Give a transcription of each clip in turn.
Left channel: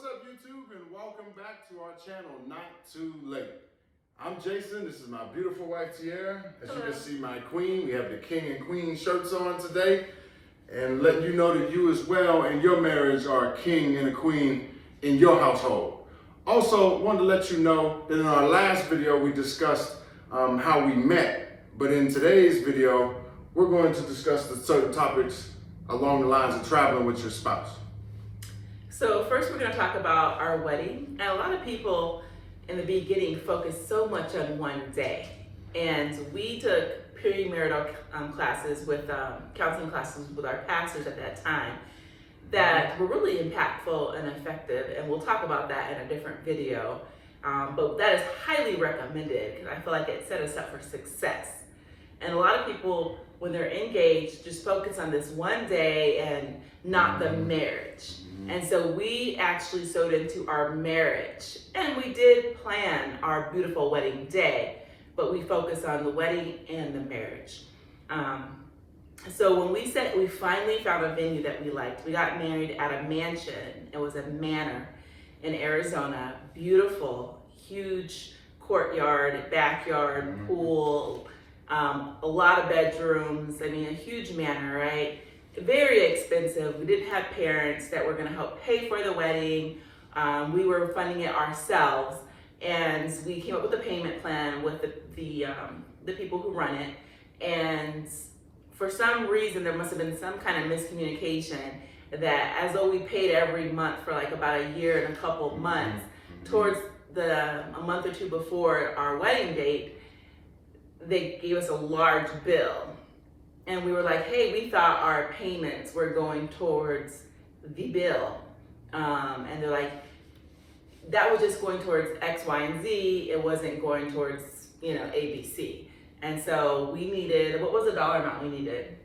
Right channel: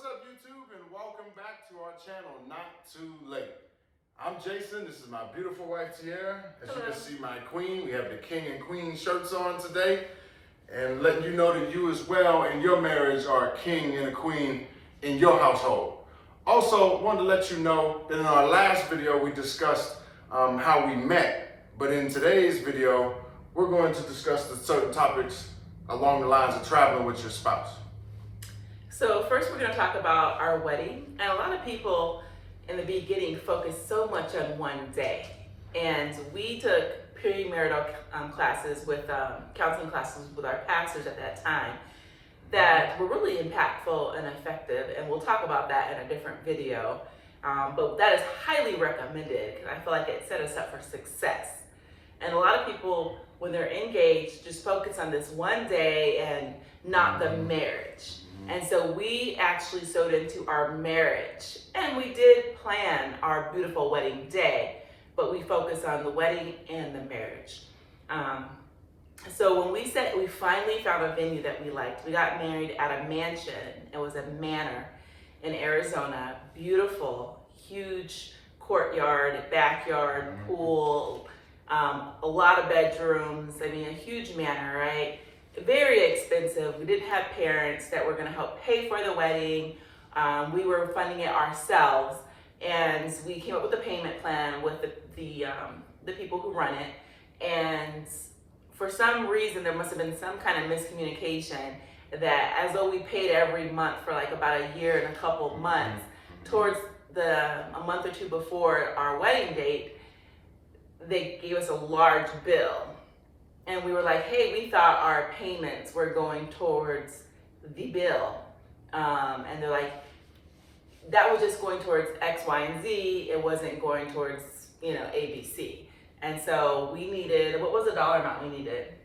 What's up, YouTube, and welcome back to our channel, Not Too Late. I'm Jason. This is my beautiful wife, Tiara. As you can see, my queen. We have the king and queen shirts on today, and letting you know that you as well in your marriage are a king and a queen in your household. Also, wanted to let you know that in our last video, we discussed how we met, but in today's video, we're going to discuss the certain topics along the lines of traveling with your spouse. So first we're going to talk about our wedding, and a lot of people in the beginning focus so much on one day, and we took premarital classes with counseling classes with our pastors at that time that were really impactful and effective, and we'll talk about that in a different video, but that is highly recommended because I feel like it set us up for success. And a lot of people, when they're engaged, just focus on this one day and not the marriage. And so we actually sewed into our marriage, and we did plan our beautiful wedding day, but we focused on the wedding and the marriage. So when we finally found a venue that we liked. We got married at a mansion. It was a manor in Arizona. Beautiful, huge courtyard, backyard, pool, a lot of bedrooms. I mean, a huge manor, right? Very expensive. We didn't have parents that were going to help pay for the wedding. We were funding it ourselves, and we came up with a payment plan with the people who run it. And for some reason, there must have been some kind of miscommunication that as though we paid every month for like about a year and a couple of months, towards a month or two before our wedding date, they gave us a large bill. And we were like, hey, we thought our payments were going towards the bill. And they're like, that was just going towards X, Y, and Z. It wasn't going towards, A, B, C. And so we needed, what was the dollar amount we needed?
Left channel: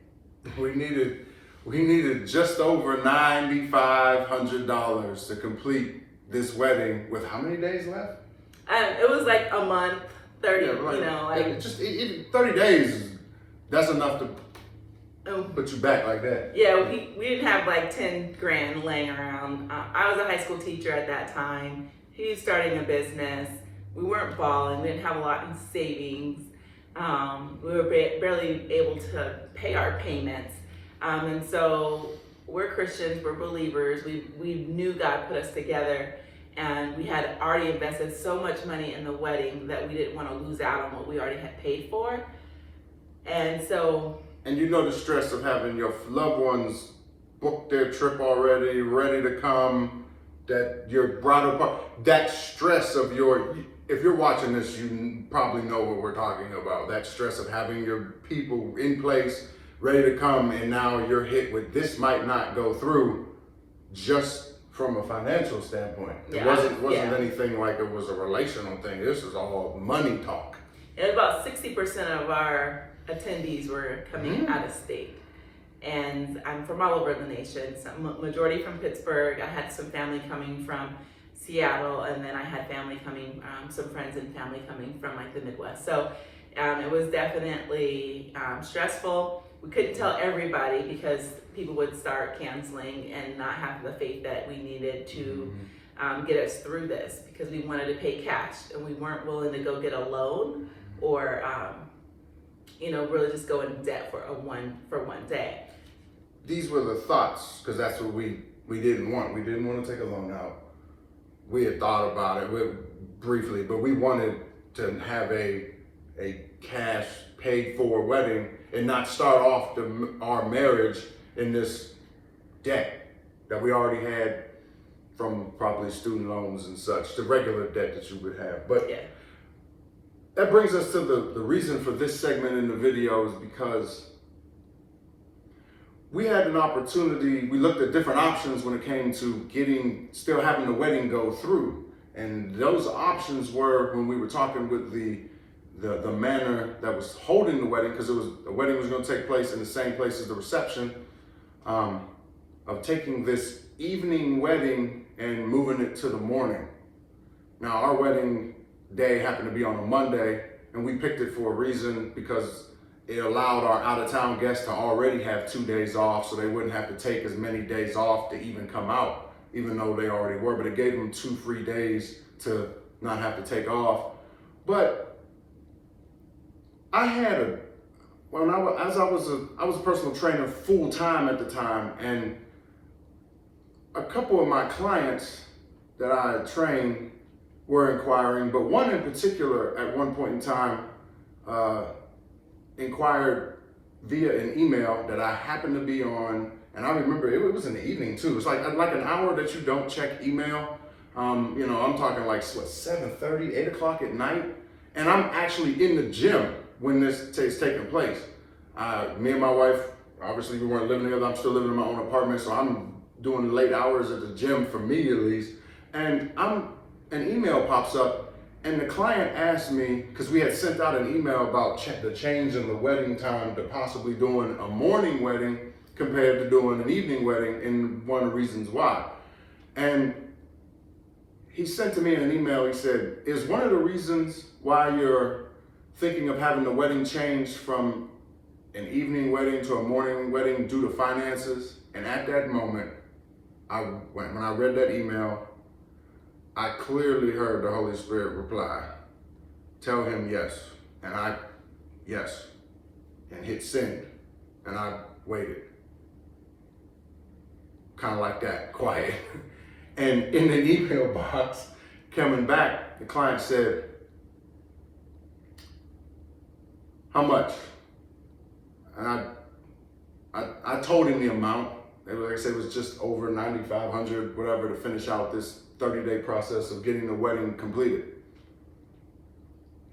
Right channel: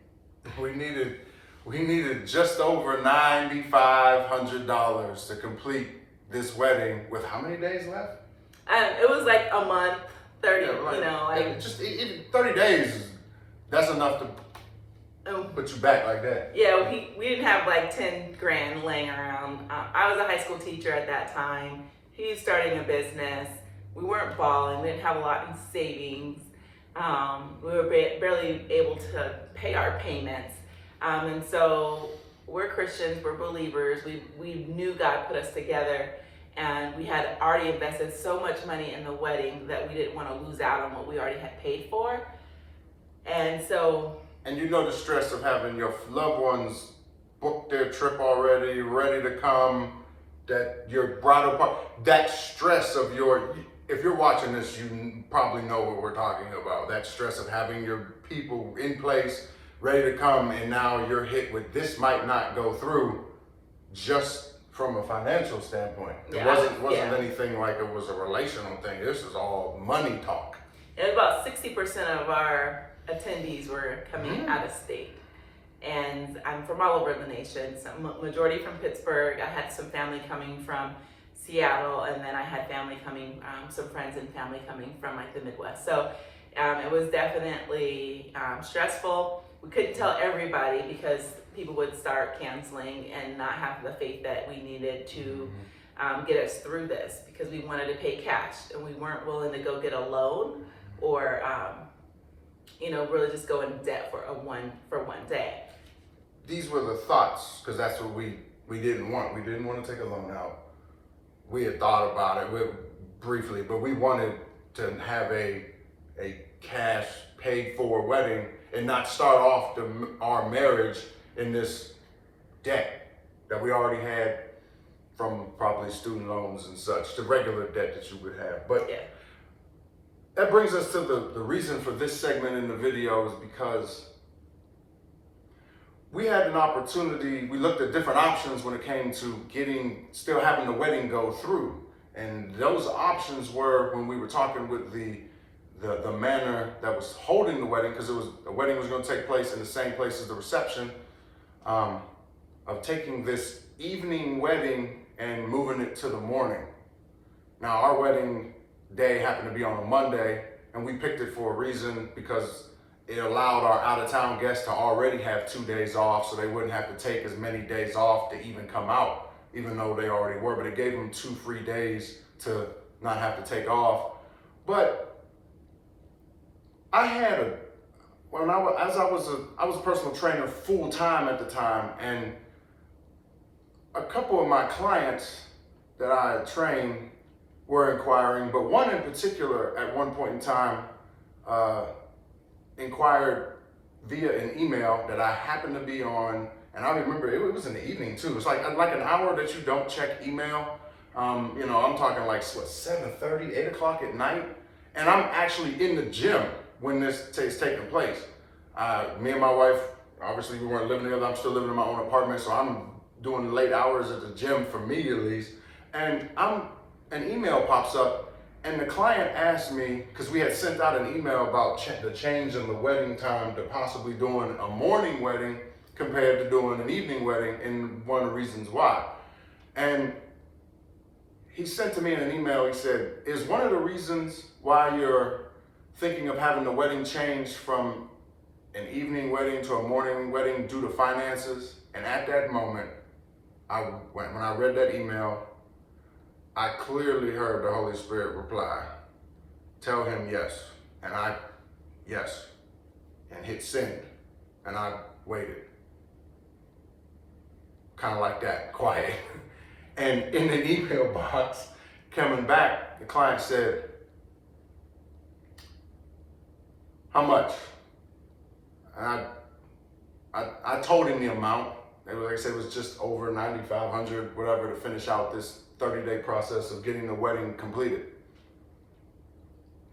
We needed just over $9,500 to complete this wedding with how many days left? It was like a month, 30, just even 30 days, that's enough to put you back like that. Yeah, we didn't have like 10 grand laying around. I was a high school teacher at that time. He was starting a business. We weren't balling. We didn't have a lot in savings. We were barely able to pay our payments. And so we're Christians, we're believers. We knew God put us together, and we had already invested so much money in the wedding that we didn't want to lose out on what we already had paid for. And so... And you know the stress of having your loved ones book their trip already, ready to come, that your bridal party, that stress of if you're watching this, you probably know what we're talking about. That stress of having your people in place, ready to come, and now you're hit with this might not go through just from a financial standpoint. It wasn't anything like it was a relational thing. This is all money talk. And about 60% of our attendees were coming out of state, and I'm from all over the nation. Some majority from Pittsburgh. I had some family coming from Seattle, and then I had family coming, some friends and family coming from like the Midwest. So it was definitely stressful. We couldn't tell everybody because people would start canceling and not have the faith that we needed to get us through this, because we wanted to pay cash and we weren't willing to go get a loan or really just go in debt for one day. These were the thoughts, because that's what we didn't want. We didn't want to take a loan out. We had thought about it briefly, but we wanted to have a cash paid for wedding and not start off our marriage in this debt that we already had from probably student loans and such, the regular debt that you would have. But yeah. That brings us to the reason for this segment in the video, is because we had an opportunity. We looked at different options when it came to still having the wedding go through. And those options were, when we were talking with the manor that was holding the wedding, because the wedding was going to take place in the same place as the reception, of taking this evening wedding and moving it to the morning. Now, our wedding day happened to be on a Monday, and we picked it for a reason, because it allowed our out-of-town guests to already have 2 days off, so they wouldn't have to take as many days off to even come out even though they already were, but it gave them 2 free days to not have to take off. But I had I was a personal trainer full time at the time, and a couple of my clients that I had trained were inquiring, but one in particular at one point in time inquired via an email that I happened to be on, and I remember it was in the evening too. It's like an hour that you don't check email. I'm talking like 7:30, 8 o'clock at night, and I'm actually in the gym when this is taking place. Me and my wife, obviously we weren't living together. I'm still living in my own apartment, so I'm doing late hours at the gym for me at least. And an email pops up, and the client asked me, because we had sent out an email about the change in the wedding time to possibly doing a morning wedding compared to doing an evening wedding, and one of the reasons why. And he sent to me in an email, he said, is one of the reasons why you're thinking of having the wedding changed from an evening wedding to a morning wedding due to finances? And at that moment, when I read that email, I clearly heard the Holy Spirit reply, tell him yes. And yes, and hit send. And I waited. Kind of like that, quiet. And in an email box coming back, the client said, how much? And I told him the amount. Like I said, it was just over $9,500, whatever, to finish out this 30-day process of getting the wedding completed.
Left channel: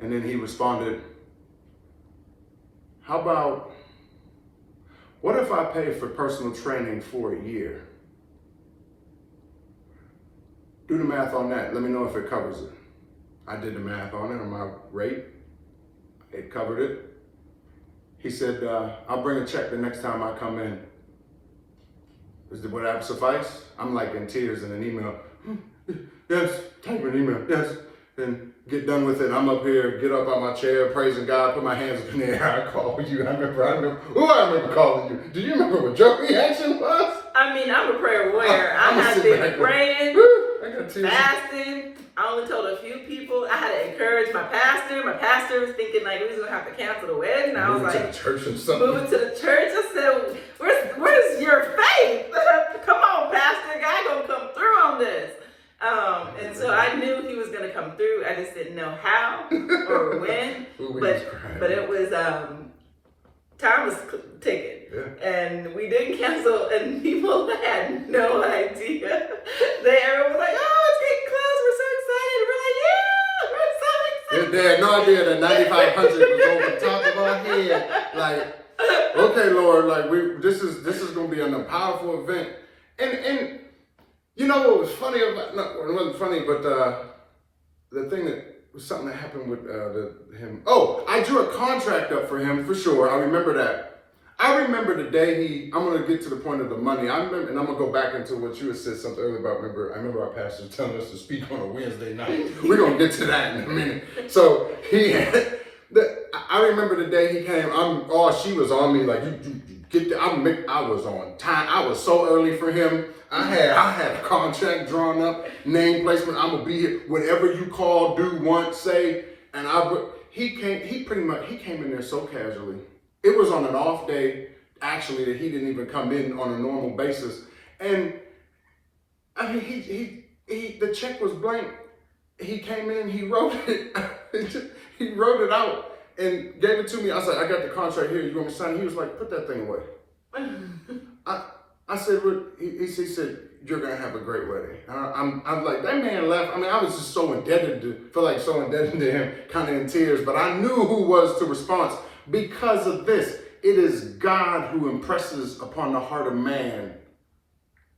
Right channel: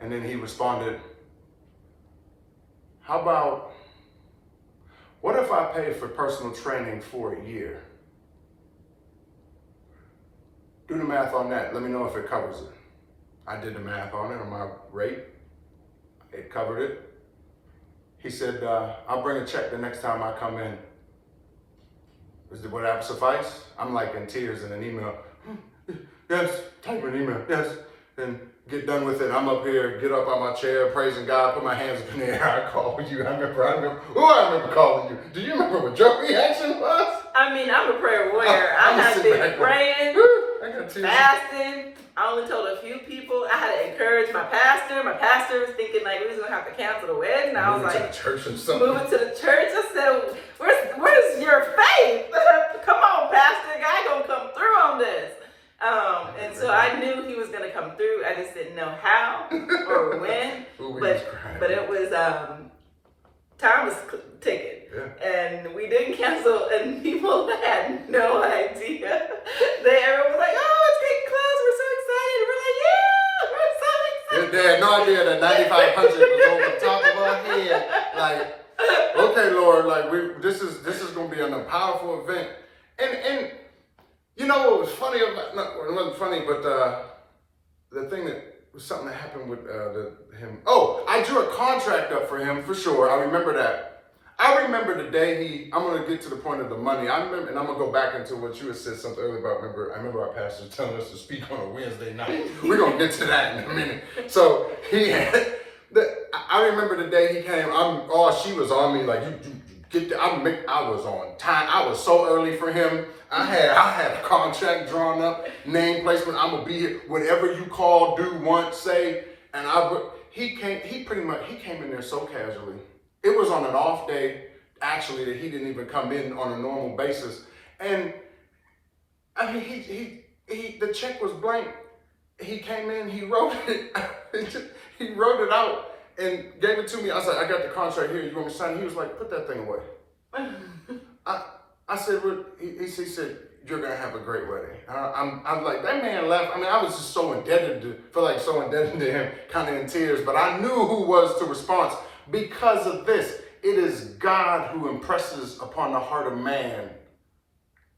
And then he responded, how about, what if I pay for personal training for a year? Do the math on that. Let me know if it covers it. I did the math on it, on my rate. It covered it. He said, I'll bring a check the next time I come in. Would that suffice? I'm like in tears in an email. Yes, type an email, yes. And get done with it. I'm up here, get up on my chair, praising God, put my hands up in the air. I called you. I remember calling you. Do you remember what your reaction was? I mean, I'm a prayer warrior. I have been praying, fasting. I only told a few people. I had to encourage my pastor. My pastor was thinking like we was gonna have to cancel the wedding. I was like, to the church or something. Moving to the church. I said, where's your faith? Come on, pastor. God gonna come through on this. And so I knew he was gonna come through. I just didn't know how or when. But it was time was ticking. Yeah. And we didn't cancel, and people had no idea. Everyone was like, oh, it's getting close. We're so excited. We're like, yeah, we're so excited. They had no idea that 9,500 was over the top of our head. Like, okay, Lord, like this is gonna be a powerful event. And you know what was funny about, it wasn't funny, but the thing that was something that happened with him. Oh, I drew a contract up for him for sure. I remember that. I remember the day I'm going to get to the point of the money. I remember, and I'm going to go back into what you had said something earlier about, I remember our pastor telling us to speak on a Wednesday night. We're going to get to that in a minute. So I remember the day he came, she was on me like, you get there. I was on time. I was so early for him. I had a contract drawn up, name placement. I'm going to be here. Whatever you call, do, want, say. And he came in there so casually. It was on an off day, actually, that he didn't even come in on a normal basis. And I mean, the check was blank. He came in, he wrote it. He wrote it out and gave it to me. I was like, I got the contract here. You want me to sign it? He was like, put that thing away. I said, he said, you're going to have a great wedding. I'm like, that man left. I mean, I was just so indebted to him, kind of in tears. But I knew who was to respond. Because of this, it is God who impresses upon the heart of man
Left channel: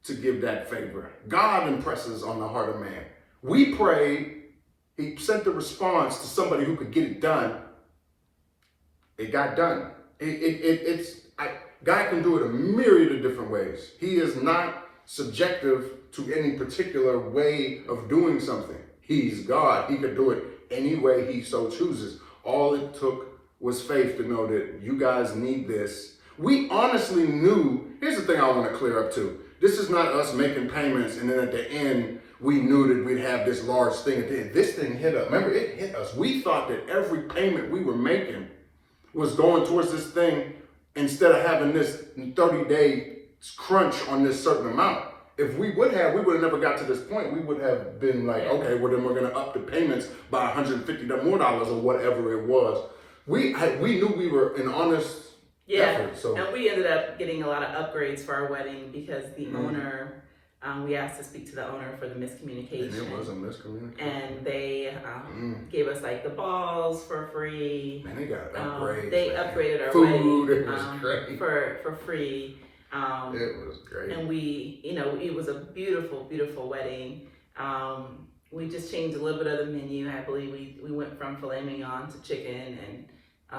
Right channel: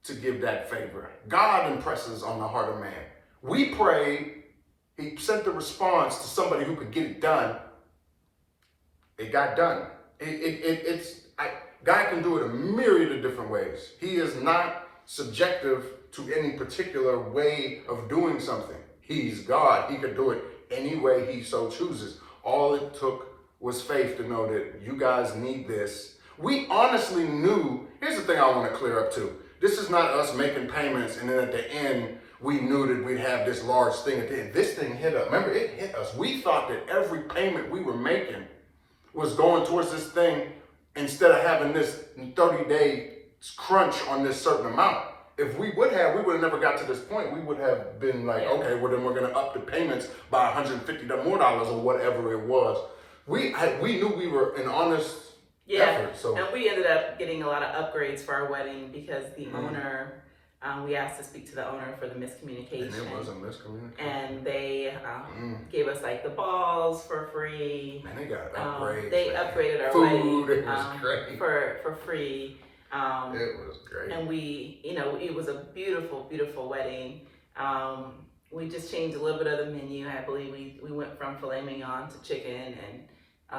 to give that favor. God impresses on the heart of man. We prayed, he sent the response to somebody who could get it done. It got done. God can do it a myriad of different ways. He is not subjective to any particular way of doing something. He's God. He could do it any way he so chooses. All it took was faith to know that you guys need this. We honestly knew, here's the thing I want to clear up too. This is not us making payments and then at the end, we knew that we'd have this large thing at the end. This thing hit us. Remember, it hit us. We thought that every payment we were making was going towards this thing instead of having this 30-day crunch on this certain amount. If we would have never got to this point. We would have been like, okay, well then we're gonna up the payments by $150 more or whatever it was. We knew we were an honest effort. So and we ended up getting a lot of upgrades for our wedding because the owner, we asked to speak to the owner for the miscommunication. And it was a miscommunication. And they gave us like the balls for free. And they got upgrades. They upgraded our food. wedding It was great. for free. It was great. And we, it was a beautiful, beautiful wedding. We just changed a little bit of the menu. I believe we went from filet mignon to chicken and we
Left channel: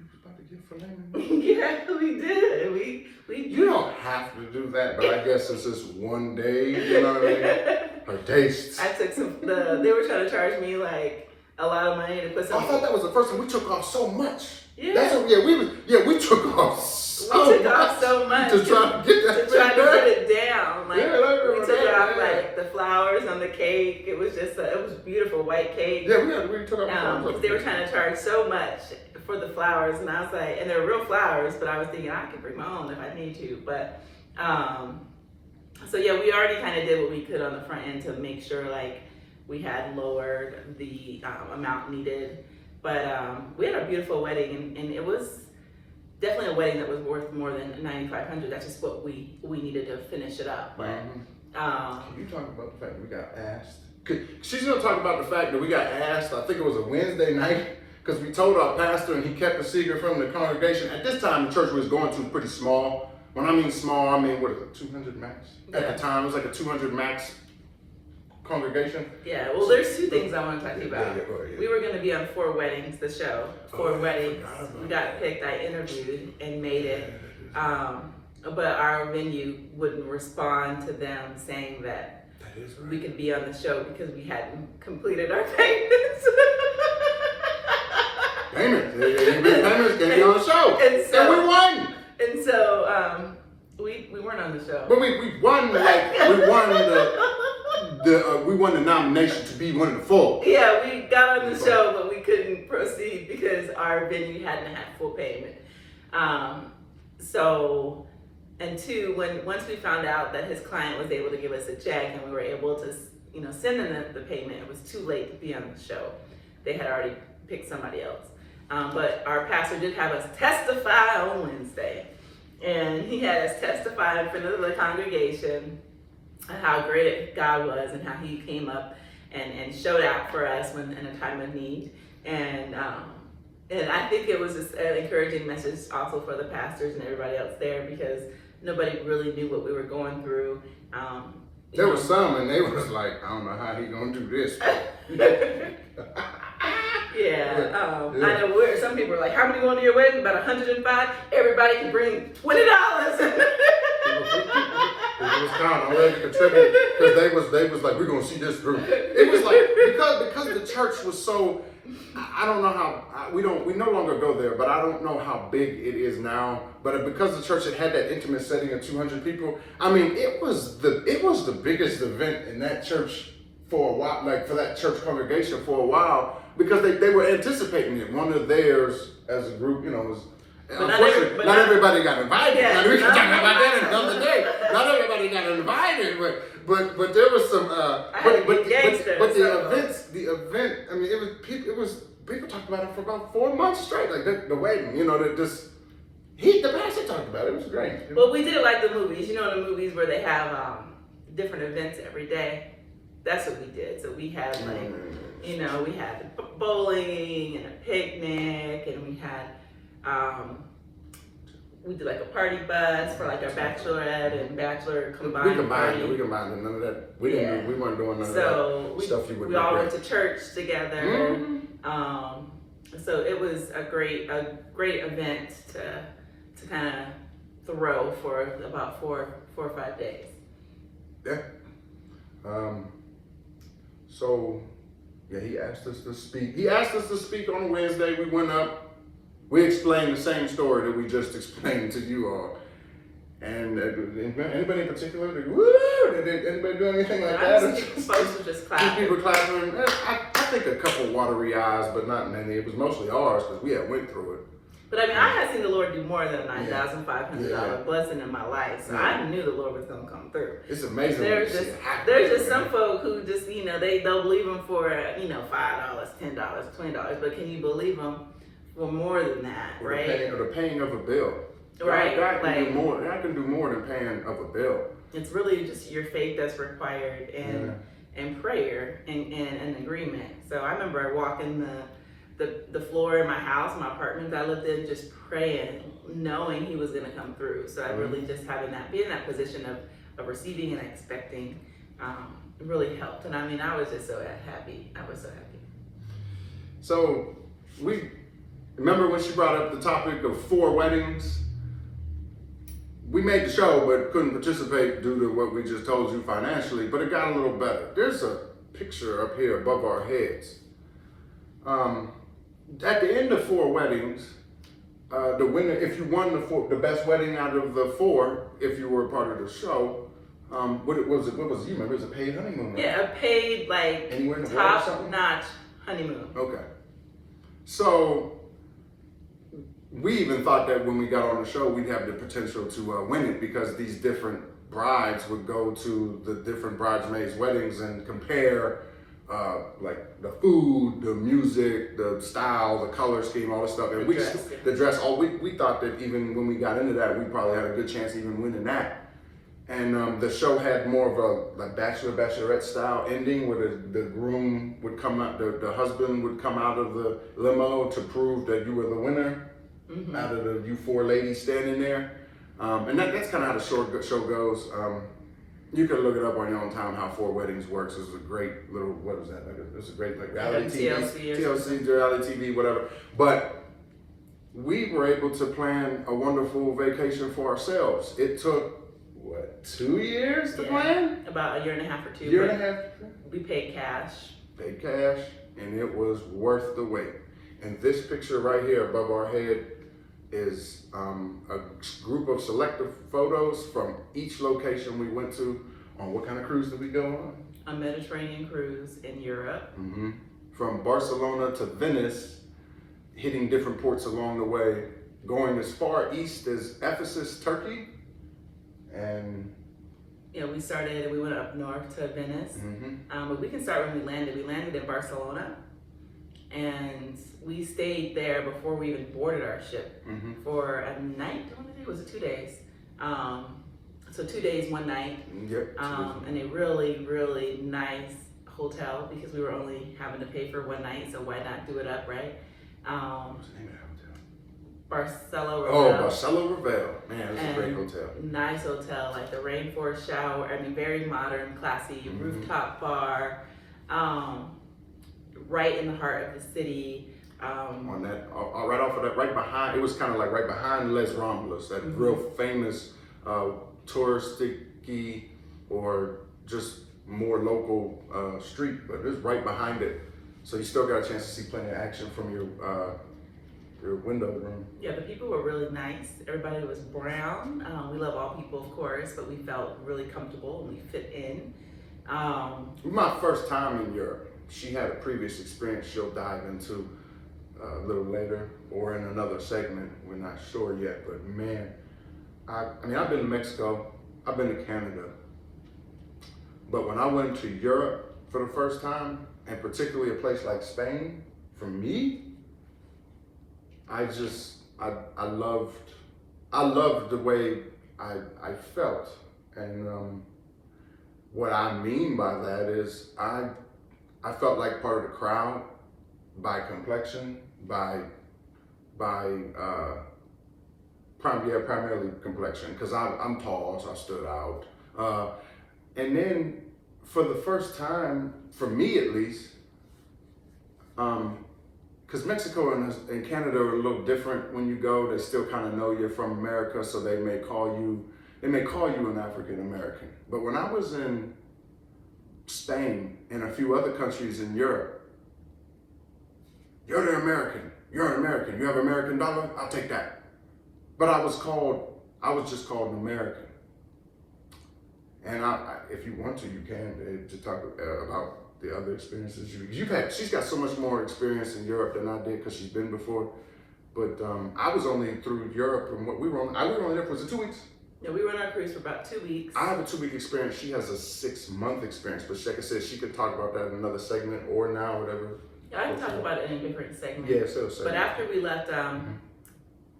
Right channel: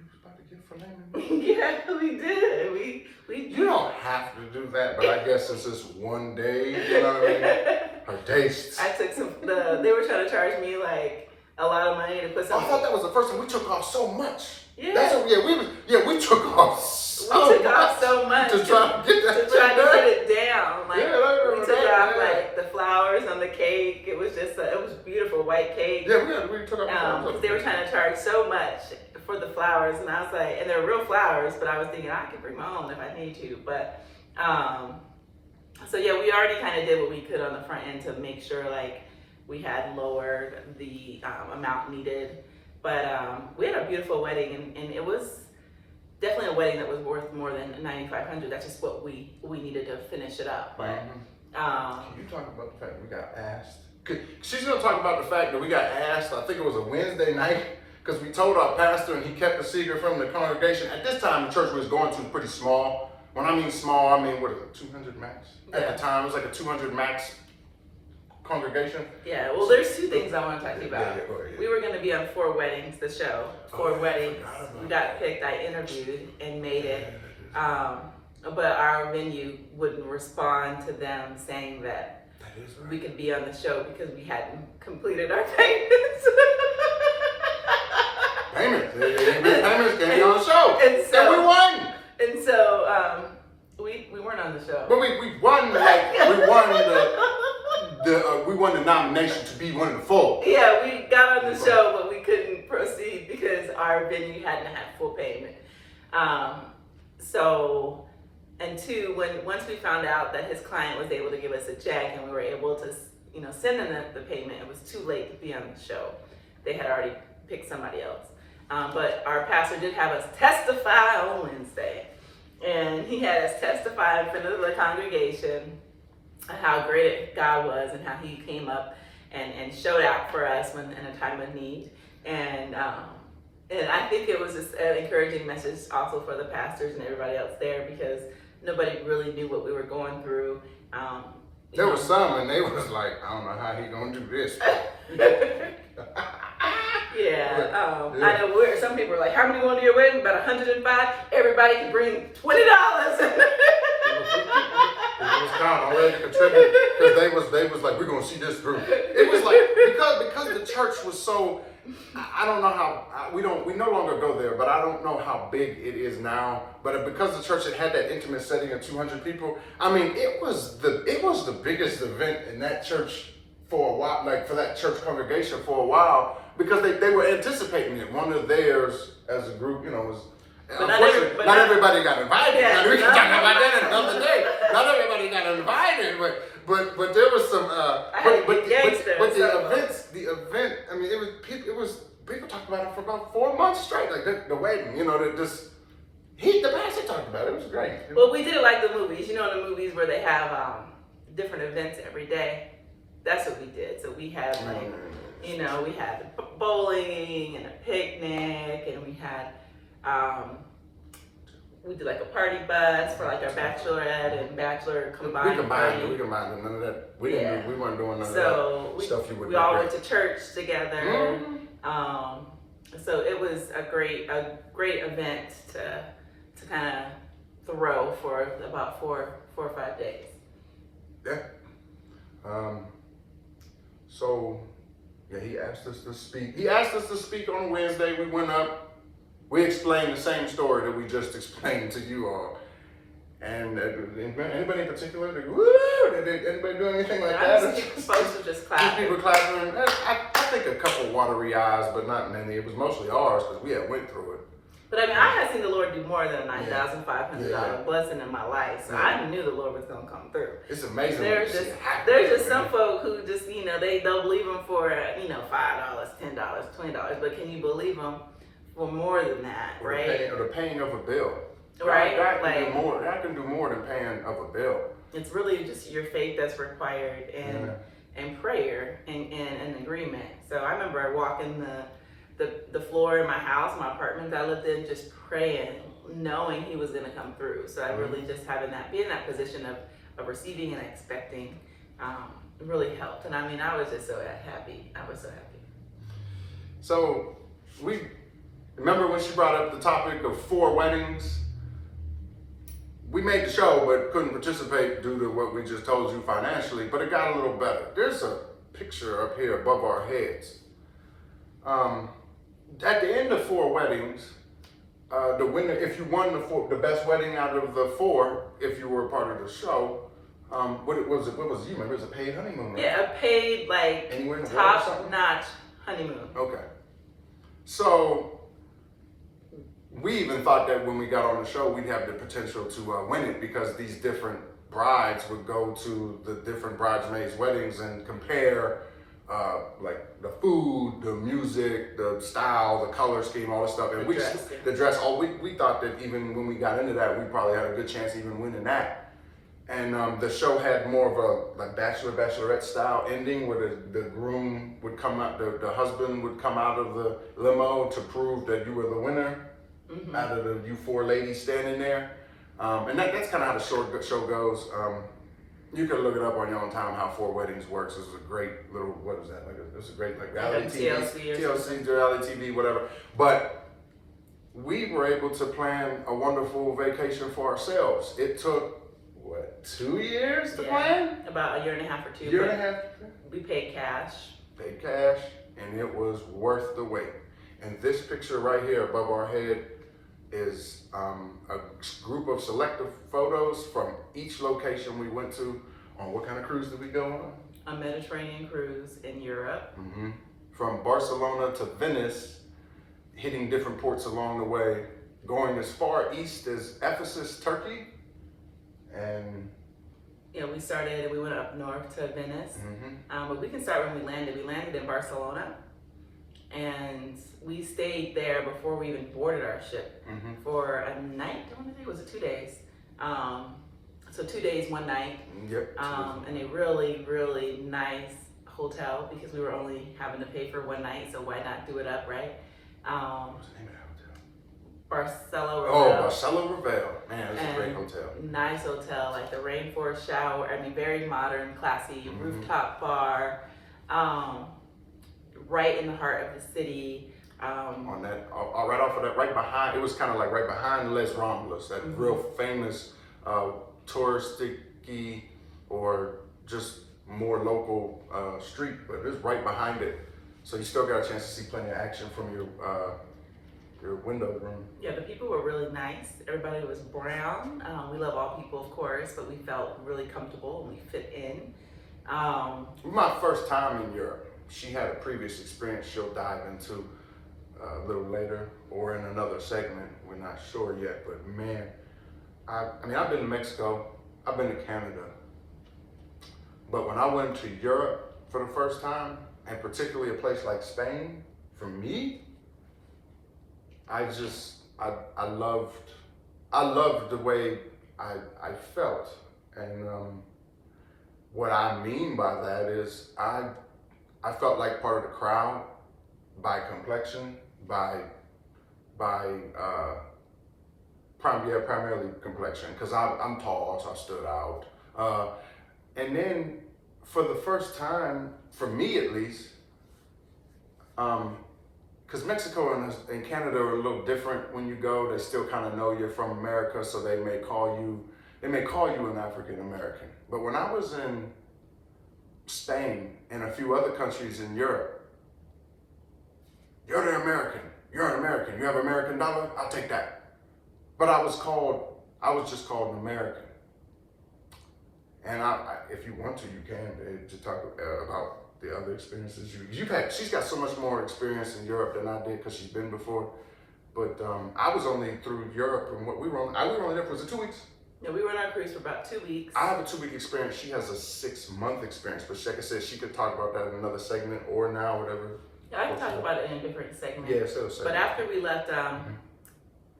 was about to get filet mignon. yeah, we did. We You don't have to do that, but I guess it's just one day, you know what I mean? Her tastes. I took they were trying to charge me like a lot of money to put I some. thought that was the first time we took off so much. Yeah. We took off so much to try to get that to try to done. get it down. Like we took off like the flowers on the cake. It was just it was beautiful white cake. Yeah, we took off the flowers. Because they were trying to charge so much for the flowers, and I was like, and they're real flowers, but I was thinking I could bring my own if I need to. But so yeah, we already kind of did what we could on the front end to make sure like we had lowered the amount needed. But we had a beautiful wedding, and it was definitely a wedding that was worth more than $9,500. That's just what we needed to finish it up. But you talking about the fact that we got asked? She's gonna talk about the fact that we got asked. I think it was a Wednesday night because we told our pastor, and he kept the secret from the congregation. At this time, the church we was going to was pretty small. When I mean small, I mean what is it, 200 max? At the time, it was like a 200 max congregation. Yeah, well, there's two things I want to talk to you about. Yeah. We were going to be on Four Weddings, the show. Four Weddings. We got picked. I interviewed and made it. But our venue wouldn't respond to them saying that we could be on the show because we hadn't completed our payments. Payments came on the show. And we won. And so we weren't on the show. But we won we won the nomination to be one of the four. Yeah, we got on the show, but we couldn't proceed because our venue hadn't had full payment. And two, once we found out that his client was able to give us a check and we were able to, send them the payment, it was too late to be on the show. They had already picked somebody else. But our pastor did have us testify on Wednesday, and he had us testify in front of the congregation how great God was and how he came up and showed out for us when in a time of need. And I think it was just an encouraging message also for the pastors and everybody else there because nobody really knew what we were going through. There was some, and they was like, I don't know how he gonna do this. I know some people were like, how many going to your wedding? About 105. Everybody can bring $20. It was kind of already contributed because they was like, we're gonna see this through. It was like because the church was so, I don't know how we no longer go there, but I don't know how big it is now. But because the church had that intimate setting of 200 people, I mean, it was the biggest event in that church for a while, like for that church congregation for a while, because they were anticipating it. One of theirs as a group, was. Unfortunately, not everybody got invited. Yeah, we can talk about that another day. Not everybody got invited, but there was some. But the event. I mean, it was people talked about it for about 4 months straight, like the wedding. The pastor talked about it. It was great. Well, we did it like the movies. The movies where they have different events every day. That's what we did. So we had we had bowling and a picnic, and we had. We did like a party bus for like our bachelorette and bachelor combined. We combined none of that. We weren't doing none of that stuff you would. We all went to church together. Mm-hmm. So it was a great event to kind of throw for about four or 5 days. Yeah. So yeah, he asked us to speak. He asked us to speak on Wednesday. We went up. we explained the same story that we just explained to you all. And anybody in particular? Did anybody do anything like that? Folks were just Two clapping. people clapping. I think a couple watery eyes, but not many. It was mostly ours because we had went through it. But I mean, I had seen the Lord do more than a $9,500 Yeah. blessing in my life, so Yeah. I knew the Lord was going to come through. It's amazing. There's when you just see it happen. there's just some folk who just they'll believe him for $5, $10, $20, but can you believe him for more than that, Or right? the paying of a bill. Right, God can like- do more. God can do more than paying of a bill. It's really just your faith that's required and prayer and agreement. So I remember walking the floor in my house, my apartment that I lived in, just praying, knowing he was gonna come through. So I really just be in that position of receiving and expecting really helped. And I mean, I was just so happy. I was so happy. So we remember when she brought up the topic of 4 weddings. We made the show, but couldn't participate due to what we just told you financially, but it got a little better. There's a picture up here above our heads. At the end of 4 weddings, the winner, if you won the best wedding out of the 4, if you were a part of the show, what was you? Remember, it was a paid honeymoon, right? Yeah, a paid Anywhere in the world or something? top-notch honeymoon. Okay. So we even thought that when we got on the show, we'd have the potential to win it because these different brides would go to the different bridesmaids' weddings and compare like the food, the music, the style, the color scheme, all this stuff. And the dress, we thought that even when we got into that, we probably had a good chance of even winning that. And the show had more of a like bachelorette style ending where the groom would come out, the husband would come out of the limo to prove that you were the winner out of you 4 ladies standing there. And that's kind of how the show goes. You can look it up on your own time how 4 Weddings works. It's a great little, what is that? It's a great reality TV, TLC, reality TV, whatever. But we were able to plan a wonderful vacation for ourselves. It took, 2 years to plan? About a year and a half or 2. Year and a half. We paid cash. Paid cash, and it was worth the wait. And this picture right here above our head is a group of selective photos from each location we went to. On what kind of cruise did we go on? A Mediterranean cruise in Europe. From Barcelona to Venice, hitting different ports along the way, going as far east as Ephesus, Turkey. And we went up north to Venice. But we can start when we landed. We landed in Barcelona. And we stayed there before we even boarded our ship for a night. I want to say, was it 2 days? So 2 days, 1 night. Yep. And a really, really nice hotel because we were only having to pay for 1 night. So why not do it up, right? What's the name of that hotel? Barcelo Revel. Oh, Barcelo Revel. Man, it's a great hotel. Nice hotel, like the rainforest shower. I mean, very modern, classy, rooftop bar. Right in the heart of the city. On that, right off of that, right behind, it was kind of like right behind Les Ramblas, that real famous touristic or just more local street, but it's right behind it. So you still got a chance to see plenty of action from your window room. Yeah, the people were really nice. Everybody was brown. We love all people, of course, but we felt really comfortable and we fit in. My first time in Europe. She had a previous experience she'll dive into a little later or in another segment. We're not sure yet, but man, I've been to Mexico, I've been to Canada, but when I went to Europe for the first time, and particularly a place like Spain, for me, I loved the way I felt. And what I mean by that is I felt like part of the crowd by complexion, primarily complexion, because I'm tall, so I stood out. And then for the first time, for me at least, because Mexico and Canada are a little different when you go. They still kind of know you're from America, so they may call you an African American. But when I was in Spain and a few other countries in Europe, you're the American, you're an American. You have American dollar? I'll take that. But I was just called an American. And if you want to, you can to talk about the other experiences you've had. She's got so much more experience in Europe than I did because she's been before. But I was only through Europe, and we were only there for 2 weeks. Yeah, we were on our cruise for about 2 weeks. I have a 2 week experience. She has a 6 month experience. But like I said, she could talk about that in another segment or now, whatever. Yeah, I can talk about it in a different segment. Yeah, so segment. But after we left,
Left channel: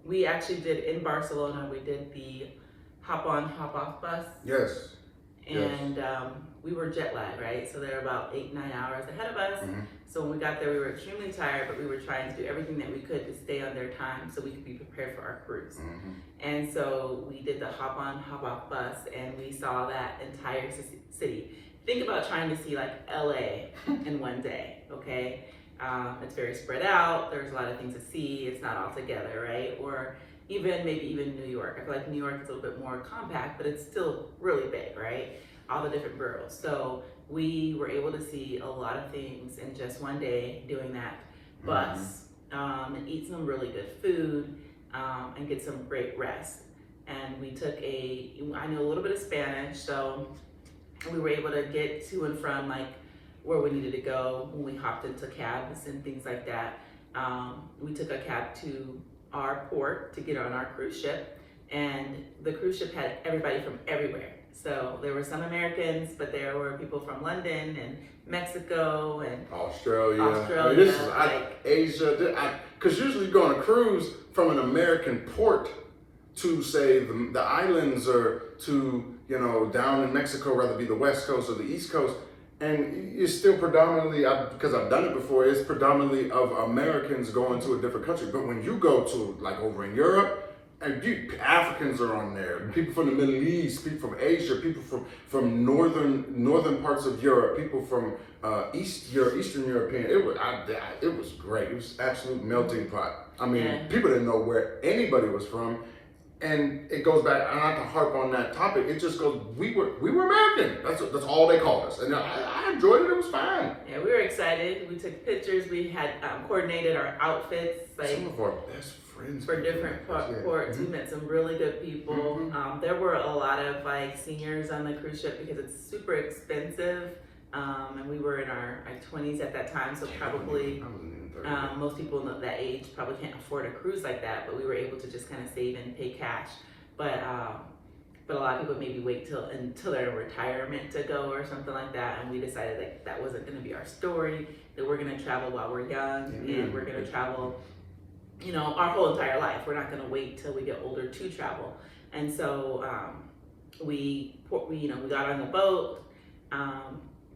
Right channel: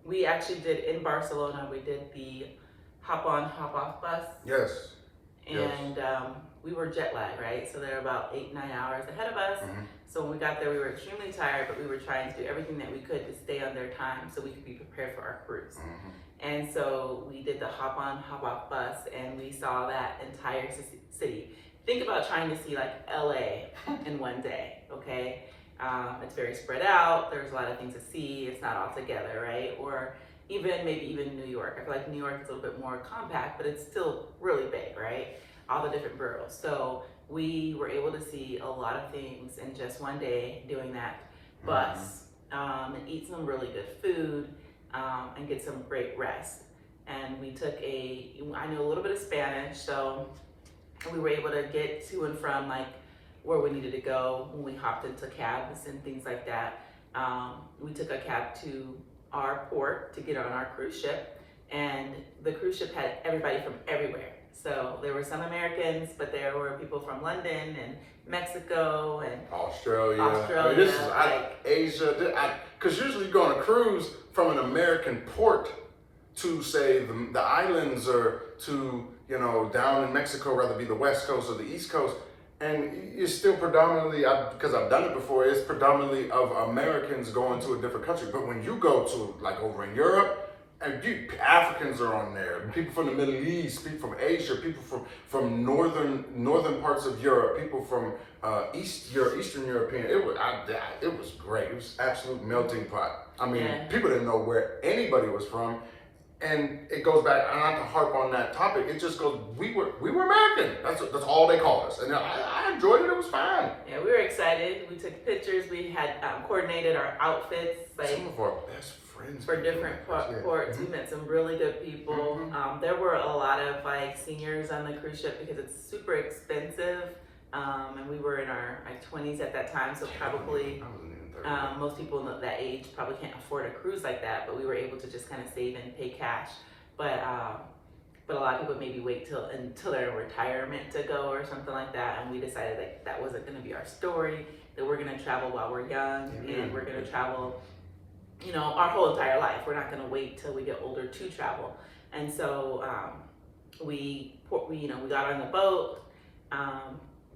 we actually did in Barcelona. We did the hop on, hop off bus. Yes. And we were jet lagged, right? So they're about 8-9 hours ahead of us. Mm-hmm. So when we got there, we were extremely tired, but we were trying to do everything that we could to stay on their time so we could be prepared for our cruise. Mm-hmm. And so we did the hop on, hop off bus, and we saw that entire city. Think about trying to see like LA in one day, okay? It's very spread out. There's a lot of things to see. It's not all together, right? Or maybe even New York. I feel like New York is a little bit more compact, but it's still really big, right? All the different boroughs. So we were able to see a lot of things in just one day doing that bus, and eat some really good food, and get some great rest. And we took I know a little bit of Spanish, so we were able to get to and from like where we needed to go when we hopped into cabs and things like that. We took a cab to our port to get on our cruise ship, and the cruise ship had everybody from everywhere. So there were some Americans, but there were people from London and Mexico and Australia. Australia, I mean, this is like- Asia. Because usually you go on a cruise from an American port to say the islands or to, down in Mexico, whether it be the West Coast or the East Coast. And it's still predominantly, because I've done it before, it's predominantly of Americans going to a different country. But when you go to like over in Europe, and Africans are on there, people from the Middle East, people from Asia, people from northern parts of Europe, people from Eastern European. It was great. It was absolute melting pot. I mean, Yeah. people didn't know where anybody was from. And it goes back, and not to harp on that topic, it just goes, we were American. That's all they called us. And I enjoyed it. It was fine. Yeah, we were excited. We took pictures. We had coordinated our outfits. Like, some of our best friends for different ports. We met some really good people. There were a lot of like seniors on the cruise ship because it's super expensive. And we were in our 20s at that time, so probably most people at that age probably can't afford a cruise like that. But we were able to just kind of save and pay cash. But a lot of people maybe wait until they're in retirement to go or something like that. And we decided like that wasn't going to be our story. That we're going to travel while we're young, and we're going to travel, our whole entire life. We're not going to wait till we get older to travel. And so we got on the boat.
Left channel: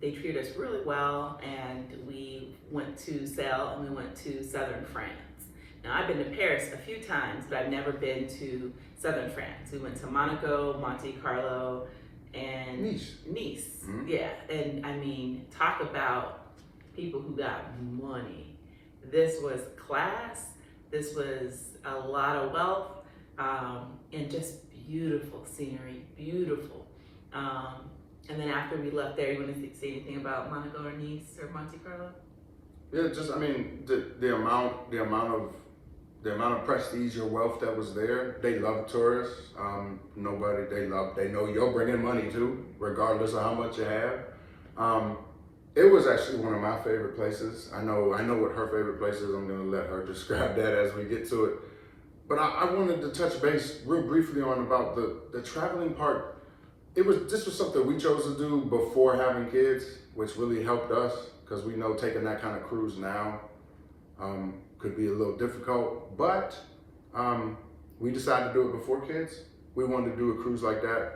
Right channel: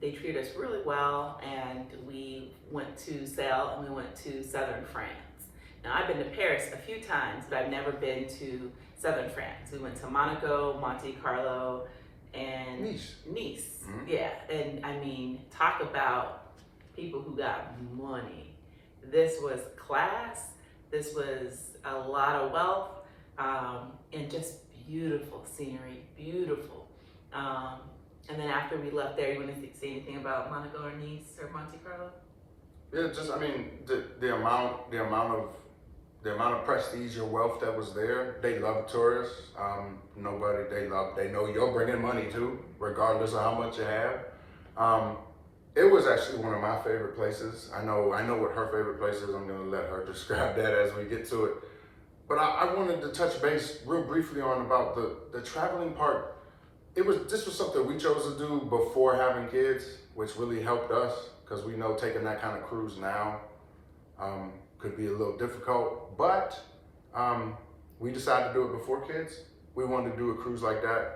They treated us really well, and we went to sail, and we went to southern France. Now, I've been to Paris a few times, but I've never been to southern France. We went to Monaco, Monte Carlo, and Nice. Mm-hmm. Yeah, and I mean, talk about people who got money. This was class. This was a lot of wealth, and just beautiful scenery, beautiful. And then after we left there, you want to say anything about Monaco or Nice or Monte Carlo? Yeah, just the amount of prestige or wealth that was there. They love tourists. They know you're bringing money too, regardless of how much you have. It was actually one of my favorite places. I know what her favorite place is. I'm gonna let her describe that as we get to it. But I wanted to touch base real briefly on about the traveling part. This was something we chose to do before having kids, which really helped us because we know taking that kind of cruise now could be a little difficult. But we decided to do it before kids. We wanted to do a cruise like that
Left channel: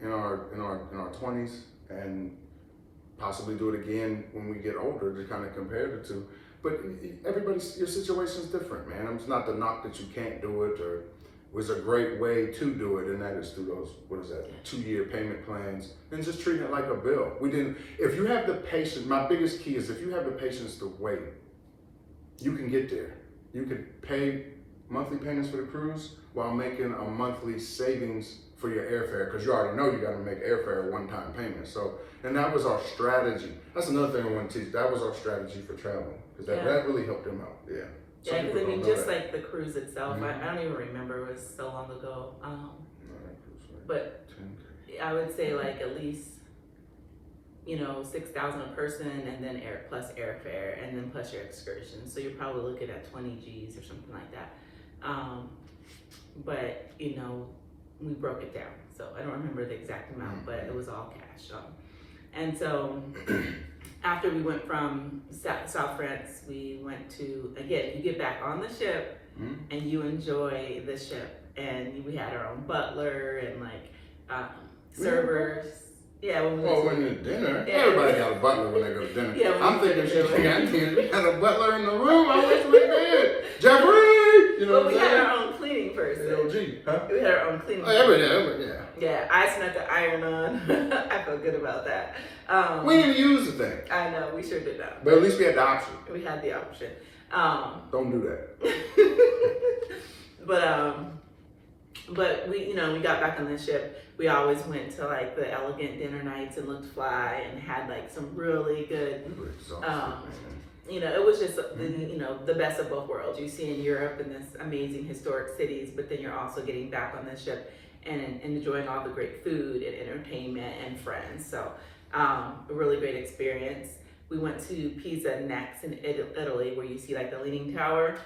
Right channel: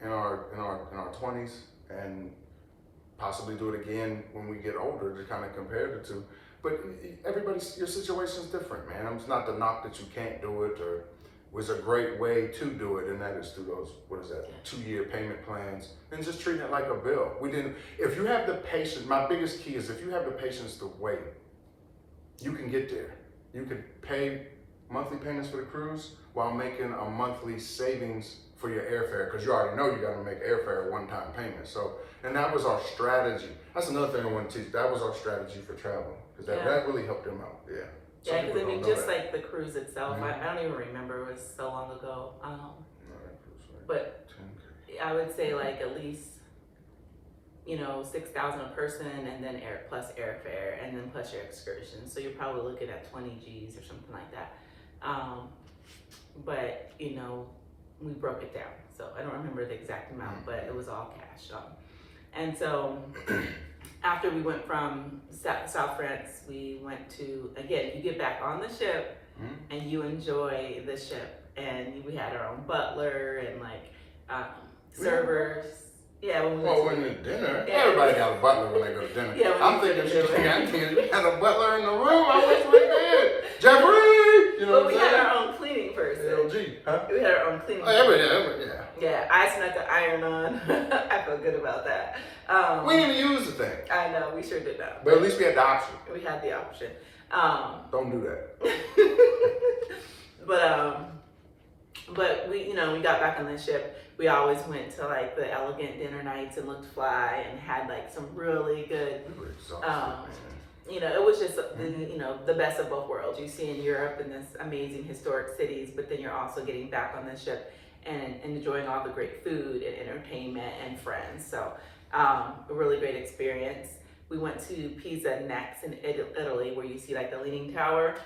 in our 20s and possibly do it again when we get older to kind of compare the two. But your situation is different, man. It's not the knock that you can't do it, or was a great way to do it, and that is through those, 2-year payment plans, and just treating it like a bill. If you have the patience, my biggest key is if you have the patience to wait, you can get there. You can pay monthly payments for the cruise while making a monthly savings for your airfare, because you already know you got to make airfare a one-time payment. So, and that was our strategy. That's another thing I want to teach. That was our strategy for traveling, because that really helped them out. Yeah. Yeah, Some because people I mean, don't know just that. like the cruise itself, I don't even remember. It was so long ago. Yeah, that was like But 10K. I would say like at least, 6,000 a person, and then plus airfare, and then plus your excursion. So you're probably looking at 20 G's or something like that. But we broke it down, so I don't remember the exact amount, but it was all cash. And so after we went from South France, we went to, again, you get back on the ship and you enjoy the ship, and we had our own butler and servers. Yeah, when we Well, went when the dinner, Yeah. everybody got a butler when they go to dinner. Yeah, when I'm we thinking go to she's dinner. had a butler in the room. I wish we did. Jeffrey! You know But what we I'm had saying? our own cleaning person. LG, huh? We had our own cleaning Oh, person. yeah. Yeah, I snuck the iron on. I felt good about that. We didn't use the thing, I know, we sure did not. but at least we had the option. We had the option. Don't do that. But we got back on the ship. We always went to like the elegant dinner nights and looked fly and had like some really good. We were exhausted, man. It was just the best of both worlds. You see in Europe in this amazing historic cities, but then you're also getting back on the ship and enjoying all the great food and entertainment and friends. So a really great experience. We went to Pisa next in Italy, where you see like the Leaning Tower.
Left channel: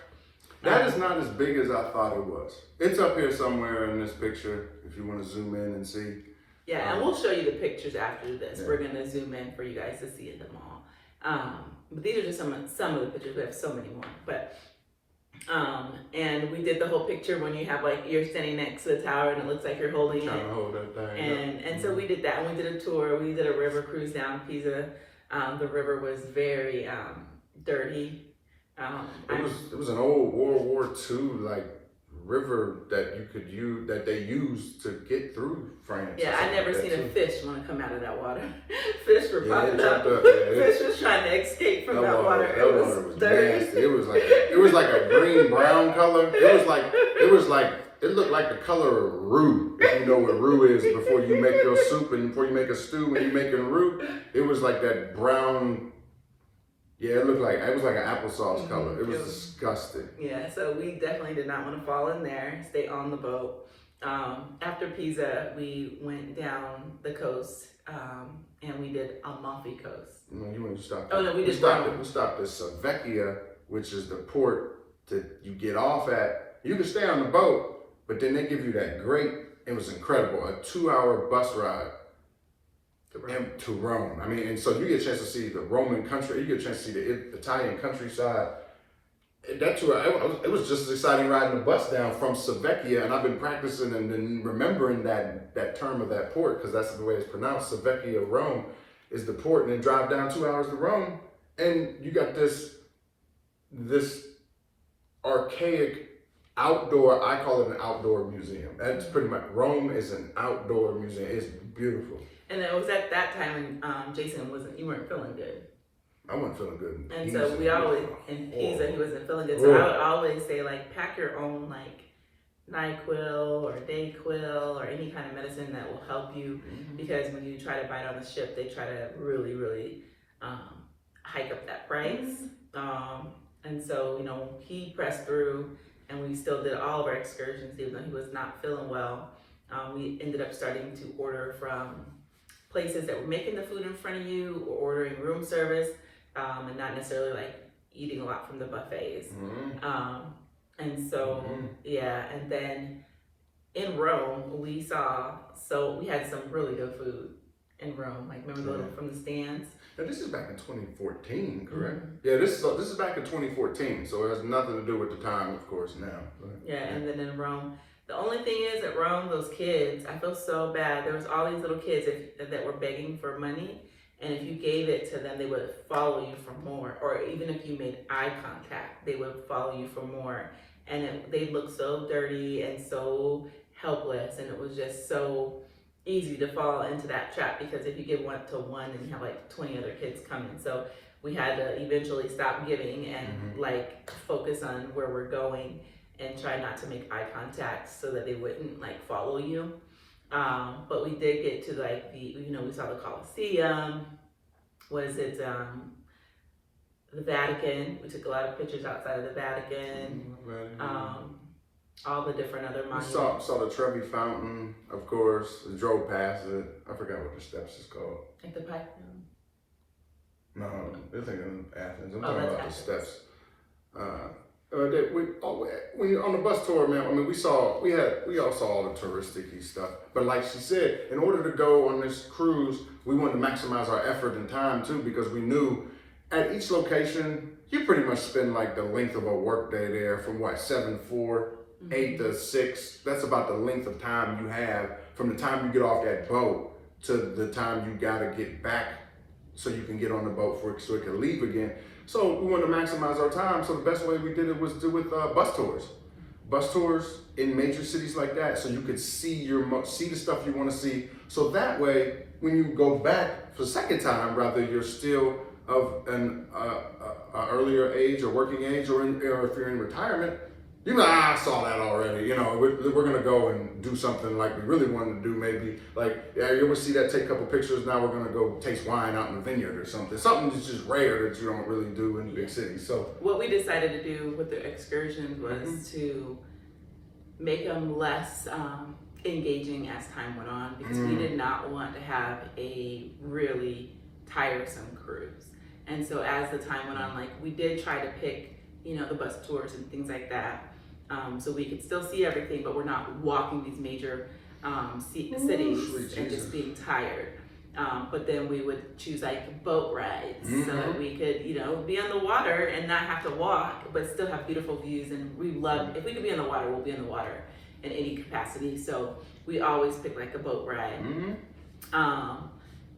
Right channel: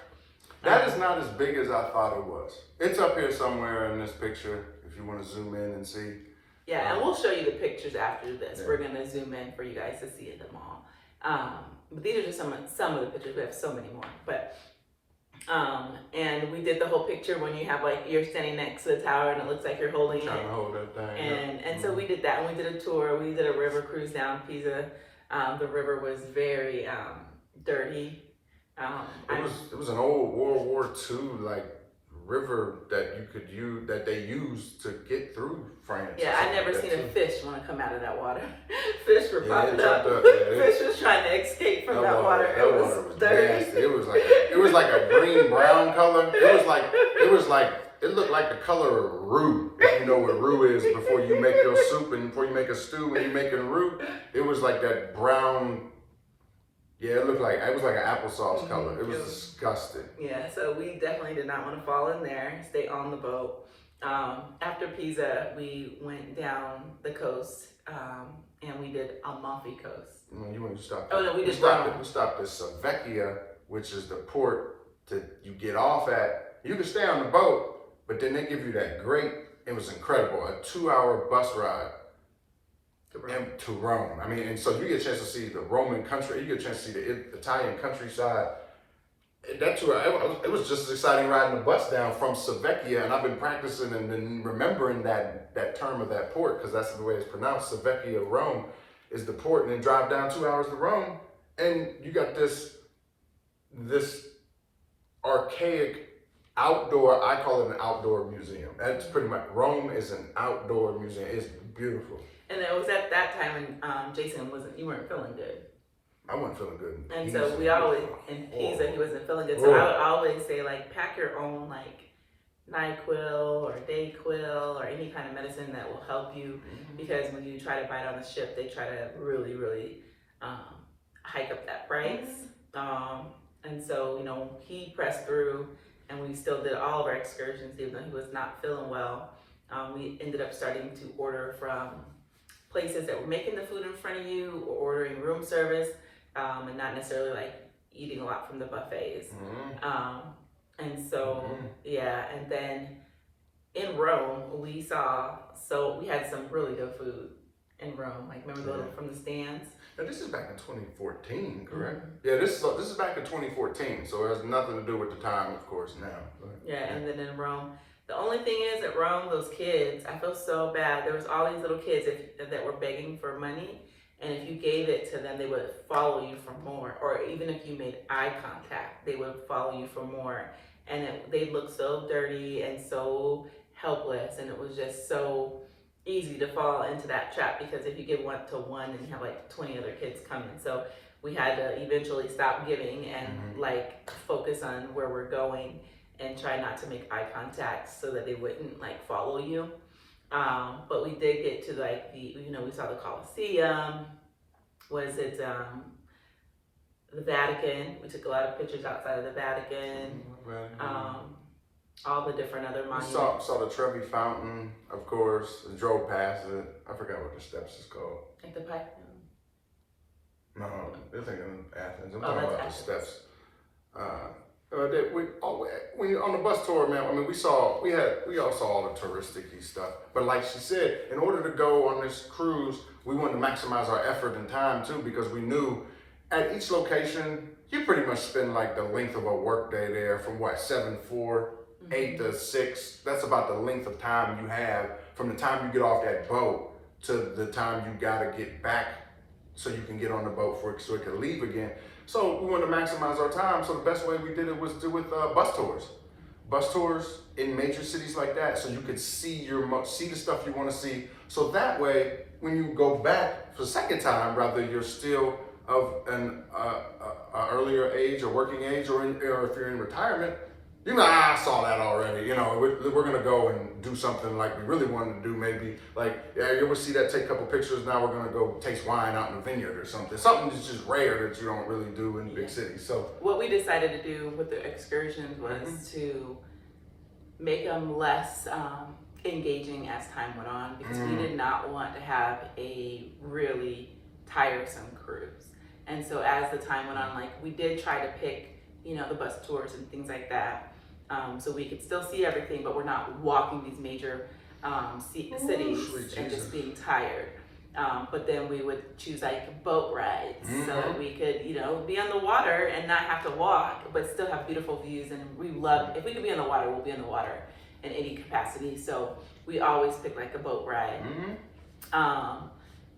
That is not as big as I thought it was. It's up here somewhere in this picture, if you want to zoom in and see. Yeah, and we'll show you the pictures after this. Yeah. We're gonna zoom in for you guys to see them all. But these are just some of the pictures. We have so many more. But and we did the whole picture when you have you're standing next to the tower and it looks like you're holding Trying it. to hold that thing. And so we did that, and we did a tour. We did a river cruise down Pisa. The river was very dirty. It was an old World War II river that you could use, that they used to get through France. Yeah, I never seen a too. fish want to come out of that water. Fish were Yeah, popping it up. jumped up, yeah, Fish was trying to escape from that water. That It water was was dirty. nasty. It was like a green brown color. It looked like the color of roux. If you know what roux is, before you make your soup and before you make a stew when you're making roux, it was like that brown. Yeah, it was like an applesauce color. It was disgusting. Yeah, so we definitely did not want to fall in there. Stay on the boat. After Pisa, we went down the coast and we did Amalfi Coast. You want to stop? Oh, no, we did stopped. Rome. We stopped at Savecchia, which is the port that you get off at. You can stay on the boat, but then they give you that great. It was incredible. A 2-hour bus ride to Rome. I mean, and so you get a chance to see the Roman country. You get a chance to see the Italian countryside. That tour, it was just as exciting riding the bus down from Savecchia, and I've been practicing and then remembering that term of that port, because that's the way it's pronounced. Savecchia, Rome is the port, and then drive down 2 hours to Rome, and you got this archaic outdoor. I call it an outdoor museum. That's pretty much, Rome is an outdoor museum. It's beautiful. And it was at that time when Jason you weren't feeling good. I wasn't feeling good. And so we always, in Pisa, he wasn't feeling good. So I would always say, pack your own, NyQuil or Dayquil or any kind of medicine that will help you. Because when you try to bite on the ship, they try to really, really hike up that price. And so, he pressed through, and we still did all of our excursions, even though he was not feeling well. We ended up starting to order from places that were making the food in front of you, or ordering room service, and not necessarily eating a lot from the buffets. And so, yeah, and then in Rome, we had some really good food in Rome. Remember the from the stands? Now, this is back in 2014, correct? Yeah, this is back in 2014, so it has nothing to do with the time, of course, now. Yeah, and then in Rome, the only thing is at Rome, those kids, I feel so bad. There was all these little kids that were begging for money, and if you gave it to them, they would follow you for more. Or even if you made eye contact, they would follow you for more. And they looked so dirty and so helpless, and it was just so easy to fall into that trap, because if you give one to one, then you have 20 other kids coming. So we had to eventually stop giving and focus on where we're going and try not to make eye contact so that they wouldn't follow you. But we did get to we saw the Colosseum. Was it the Vatican. We took a lot of pictures outside of the Vatican. All the different other We monuments. saw the Trevi Fountain, of course, and drove past it. I forgot what the steps is called. Like the Python. No, they're thinking Athens. I'm Oh, talking that's about the Athens. steps. When you're on the bus tour, man, I mean, we all saw all the touristic-y stuff. But like she said, in order to go on this cruise, we wanted to maximize our effort and time too, because we knew at each location, you pretty much spend like the length of a work day there from what, 7 to 4, 8 to 6. That's about the length of time you have from the time you get off that boat to the time you gotta get back so you can get on the boat so it can leave again. So we wanted to maximize our time. So the best way we did it was do with bus tours. Bus tours in major cities like that, so you could see the stuff you want to see. So that way, when you go back for the second time, rather you're still of an earlier age or working age, or if you're in retirement, I saw that already. We're gonna go and do something like we really wanted to do. Maybe like, yeah, you ever see that? Take a couple pictures. Now we're gonna go taste wine out in the vineyard or something. Something that's just rare that you don't really do in big cities. So what we decided to do with the excursions was to make them less engaging as time went on, because we did not want to have a really tiresome cruise. And so as the time went on, like we did try to pick, the bus tours and things like that. So we could still see everything, but we're not walking these major cities and just being tired. But then we would choose like boat rides so that we could, be on the water and not have to walk, but still have beautiful views. And we love, if we could be on the water, we'll be in the water in any capacity. So we always pick like a boat ride.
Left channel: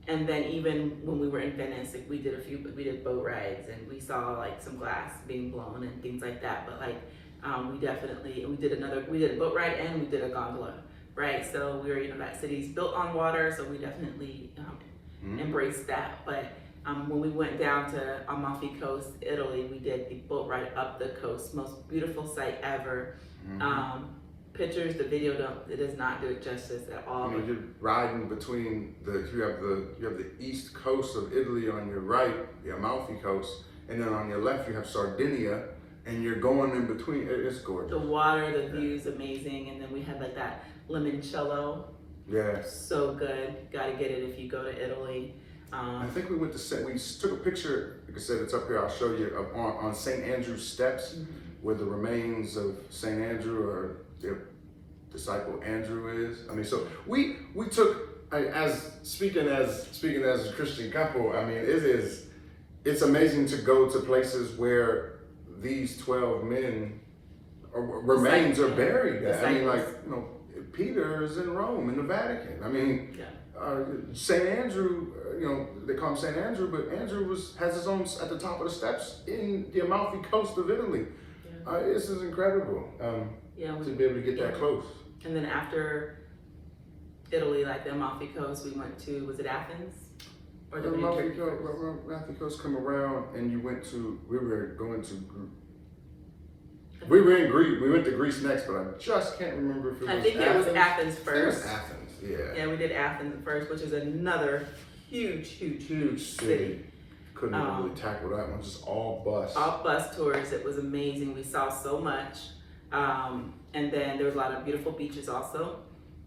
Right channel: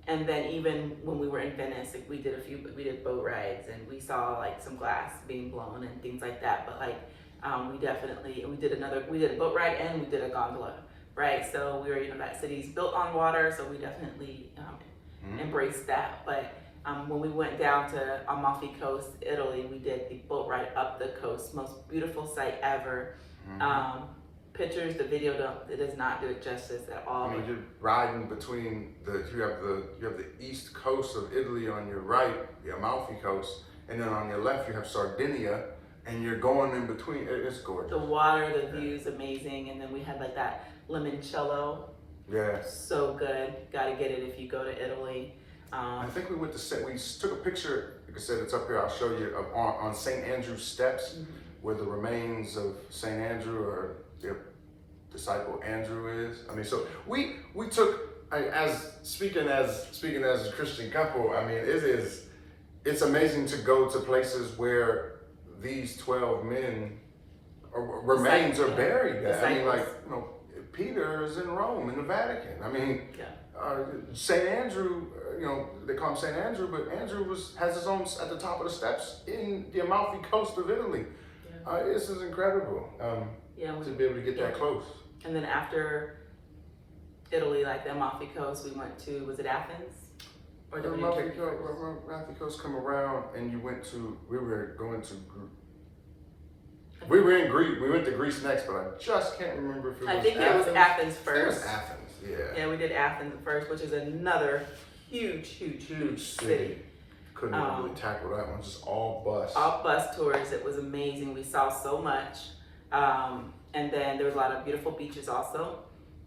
And then even when we were in Venice, like, we did boat rides, and we saw like some glass being blown and things like that. But like we did a boat ride and we did a gondola, right? So we were, that city's built on water, so we definitely embraced that. But when we went down to Amalfi Coast, Italy, we did the boat ride up the coast, most beautiful sight ever. Pictures, the video does not do it justice at all. You're riding between you have the east coast of Italy on your right, the Amalfi Coast, and then on your left you have Sardinia, and you're going in between. It's gorgeous. The water, the view's amazing, and then we had like that limoncello. Yeah. So good. Gotta get it if you go to Italy. I think we took a picture. Like I said, it's up here. I'll show you on St. Andrew's steps, where the remains of St. Andrew or their disciple Andrew is. I mean, so we took, speaking as a Christian couple. I mean, it's amazing to go to places where these 12 men remains are buried. I mean, like, Peter is in Rome in the Vatican. I mean, St. Andrew, they call him St. Andrew, but Andrew has his own at the top of the steps in the Amalfi Coast of Italy. This is incredible. To be able to get that close. And then after Italy, like the Amalfi Coast, we went to, was it Athens? Or The did we Amalfi Turkey first? Coast come around, and we were in Greece. We went to Greece next, but I just can't remember if it was I think it was Athens It first. was Athens, yeah. Yeah, we did Athens first, which is another huge City. Couldn't even really tackle that one, just all bus. All bus tours. It was amazing. We saw so much. And then there was a lot of beautiful beaches also.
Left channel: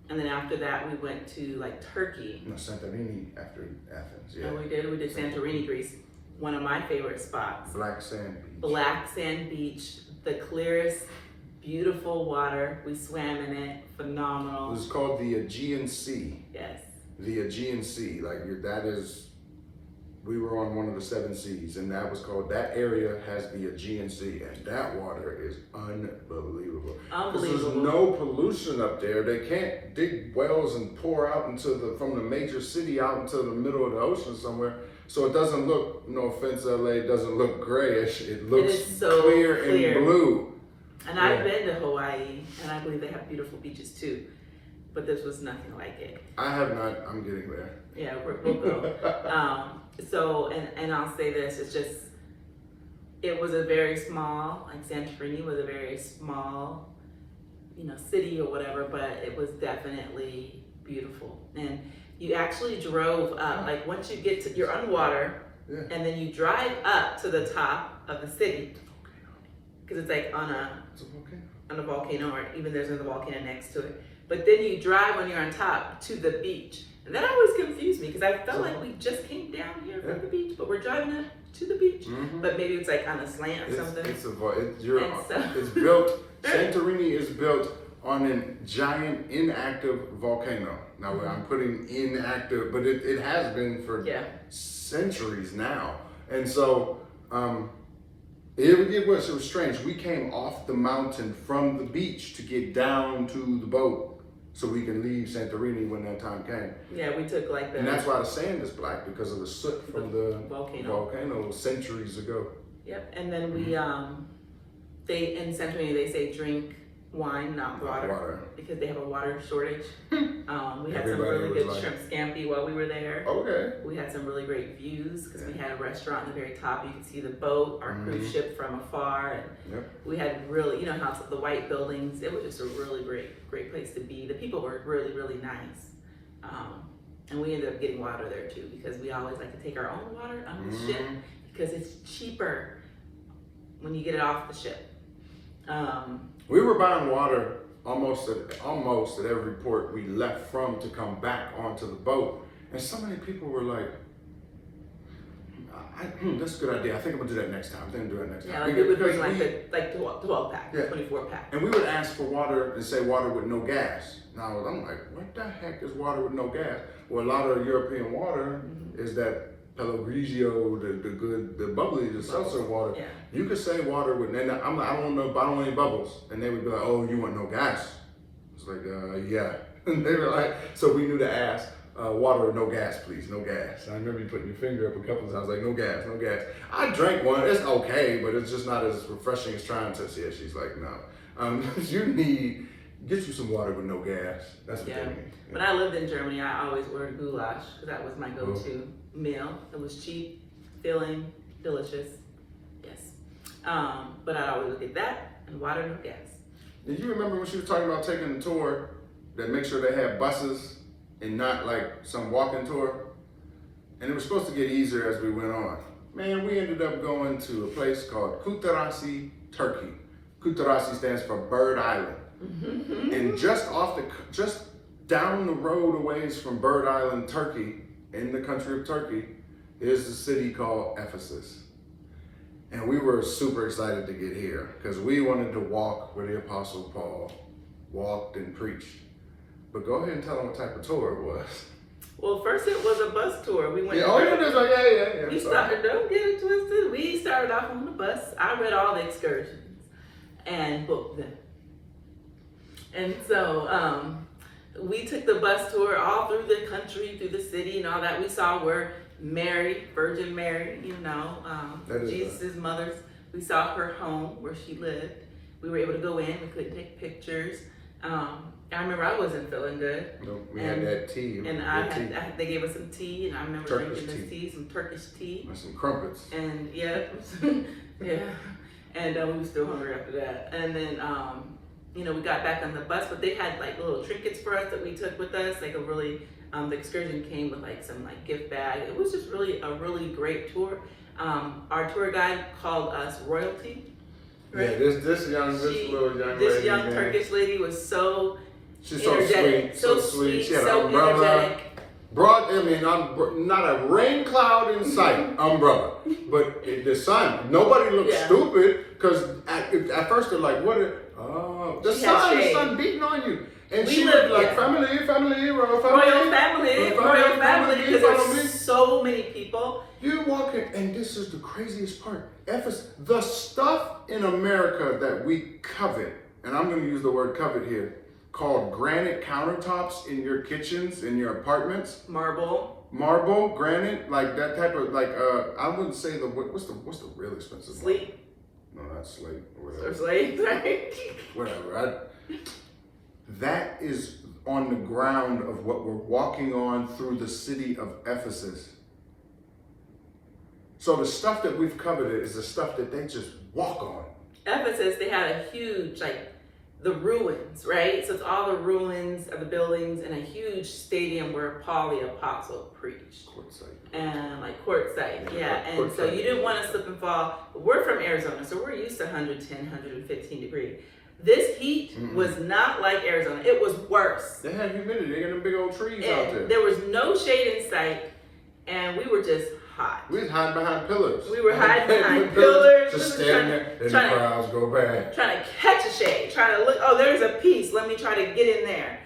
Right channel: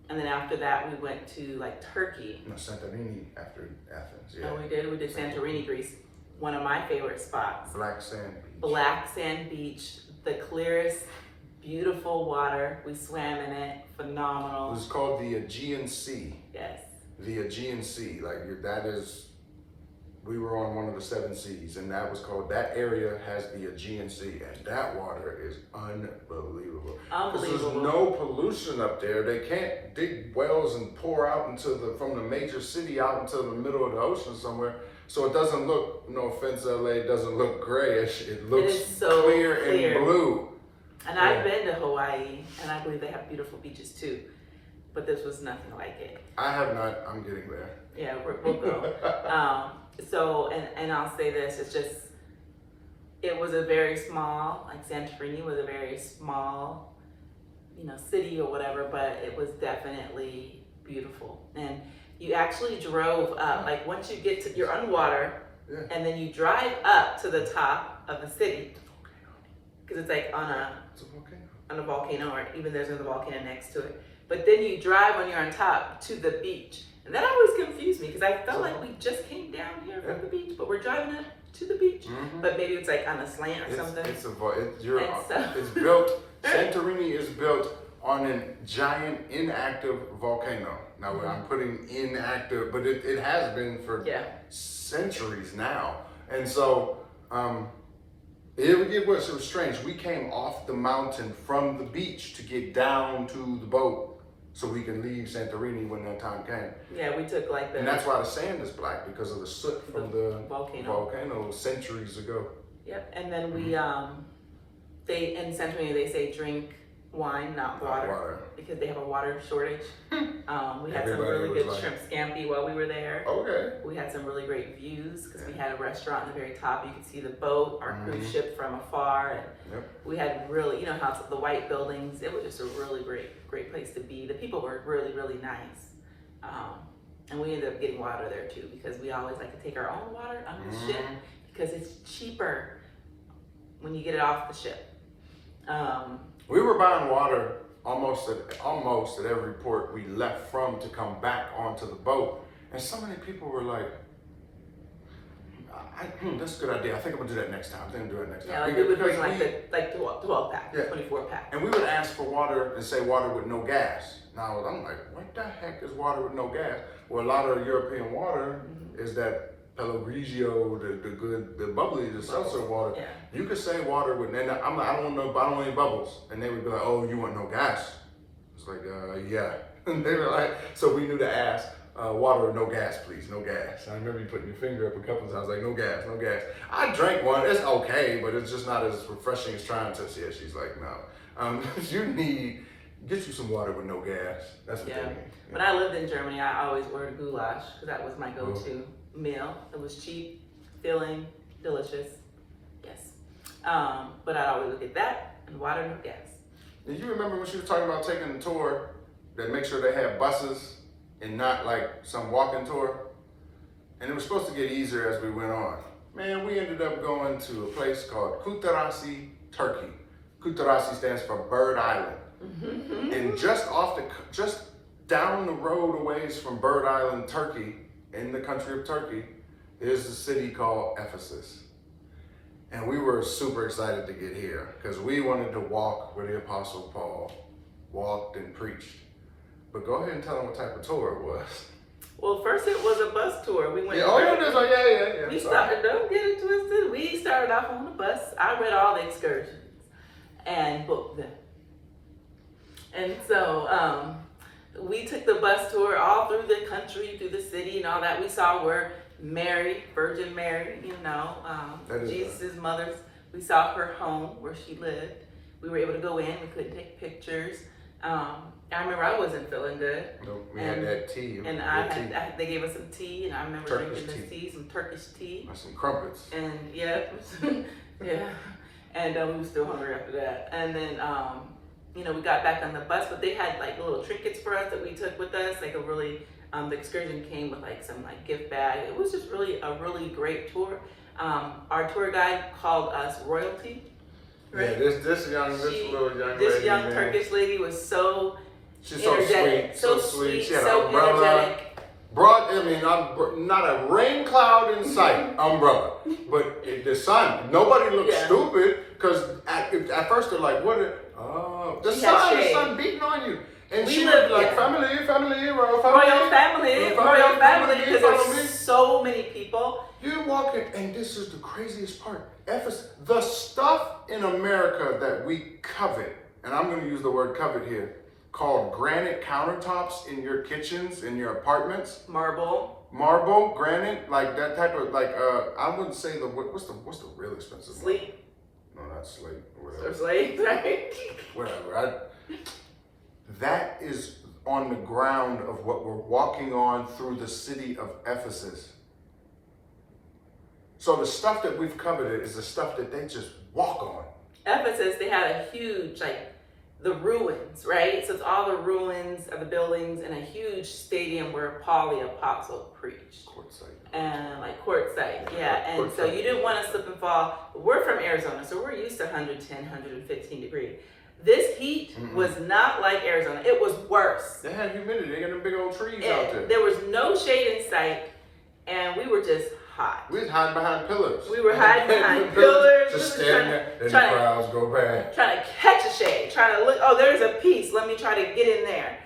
And then after that, we went to like Turkey. No, Santorini after Athens, yeah. And we did Santorini, Greece. One of my favorite spots. Black Sand Beach. Black Sand Beach, the clearest, beautiful water. We swam in it, It phenomenal. was called the Aegean Sea. Yes. The Aegean Sea, we were on one of the 7 seas, and that area has the Aegean Sea, and that water is unbelievable. Because there's no pollution up there. They can't dig wells and pour out from the major city out into the middle of the ocean somewhere. So it doesn't look, no offense, LA, it doesn't look grayish. It looks so clear and blue. And I've been to Hawaii, and I believe they have beautiful beaches too. But this was nothing like it. I have not. I'm getting there. Yeah, we'll go. And I'll say this, it was a very small, like Santorini was a very small, city or whatever, but it was definitely beautiful. And you actually drove up, like once you're on water, Yeah. And then you drive up to the top of the city, because it's like on It's a volcano. a volcano, or even there's another volcano next to it. But then you drive when you're on top to the beach. And that always confused me, because I felt like we just came down here from the beach, but we're driving up to the beach. Mm-hmm. But maybe it's like on a slant or something. It's And built. Santorini is built on a giant inactive volcano. Now I'm putting inactive, but it has been for centuries now. And so it was strange. We came off the mountain from the beach to get down to the boat so we can leave Santorini when that time came. Yeah, we took like the... And that's why the sand is black, because of the soot from the volcano centuries ago. Yep, and then we, they, in Santorini, they say drink wine, not water, because they have a water shortage. We had some really good shrimp scampi while we were there. Okay. We had some really great views, because we had a restaurant in the very top. You could see the boat, our cruise ship from afar. And we had really, you know how the white buildings, it was just a really great place to be. The people were really, really nice. And we ended up getting water there too, because we always like to take our own water on the ship, because it's cheaper when you get it off the ship. We were buying water almost at every port we left from to come back onto the boat. And so many people were like, that's a good idea. I think I'm gonna do that next time. I think I'm gonna do it next time. Yeah, like we would bring like 12 pack, 24 pack. And we would ask for water and say water with no gas. Now I'm like, what the heck is water with no gas? Well, a lot of European water is that Pellegrino, the bubbly, the seltzer water. Yeah. You could say water with, and I'm like, I don't want any bubbles. And they would be like, oh, you want no gas? It's like, yeah. And they were like, so we knew to ask, water with no gas, please, no gas. And I remember you putting your finger up a couple of times, like, no gas, no gas. I drank one, it's okay, but it's just not as refreshing as trying to. Yeah, she's like, no. Get you some water with no gas. That's what they mean. Yeah. When I lived in Germany, I always ordered goulash, because that was my go-to meal. It was cheap, filling, delicious. Yes. But I always look at that and water, no gas. Did you remember when she was talking about taking a tour that make sure they have buses and not like some walking tour? And it was supposed to get easier as we went on. Man, we ended up going to a place called Kutarasi, Turkey. Kutarasi stands for Bird Island. And just down the road a ways from Bird Island, Turkey, in the country of Turkey, is a city called Ephesus. And we were super excited to get here because we wanted to walk where the Apostle Paul walked and preached. But go ahead and tell them what type of tour it was. Well, first it was a bus tour. We went. Yeah. We started. Don't get it twisted. We started off on the bus. I read all the excursions and booked them. And so we took the bus tour all through the country, through the city, and all that. We saw where Mary, Virgin Mary, Jesus' mother. We saw her home where she lived. We were able to go in. We couldn't take pictures. I remember I wasn't feeling good. No, we had that tea. And they gave us some tea, and I remember drinking this tea, some Turkish tea. And some crumpets. And yeah. And we were still hungry after that. And then, we got back on the bus, but they had like little trinkets for us that we took with us. Like the excursion came with like some like gift bag. It was just really a really great tour. Our tour guide called us royalty. Right? Yeah, this young Turkish lady was so she's so sweet, so sweet. She had so an umbrella. Not a rain cloud in sight, umbrella. But the sun, nobody looked stupid because at first they're like, the sun beating on you. And she was like, family, royal family, because there's so many people. You're walking, and this is the craziest part. Ephesus, the stuff in America that we covet, and I'm going to use the word covet here, called granite countertops in your kitchens, in your apartments. Marble, granite, like that type of, I wouldn't say what's the real expensive one? Slate. No, not slate. Or slate, right? Whatever. That is on the ground of what we're walking on through the city of Ephesus. So the stuff that we've coveted is the stuff that they just walk on. Ephesus, they had a huge the ruins, right? So it's all the ruins of the buildings and a huge stadium where Paul the Apostle preached. Quartzsite. And like Quartzsite, yeah. And Quartzsite. so you didn't want to slip and fall. We're from Arizona, so we're used to 110, 115 degrees. This heat was not like Arizona. It was worse. They had humidity. They got them big old trees out there. There was no shade in sight, and we were just hot. We was hiding behind pillars. We were hiding behind pillars. Just standing there, and the crowds go by. Trying to catch a shade, trying to look, oh, there's a piece. Let me try to get in there.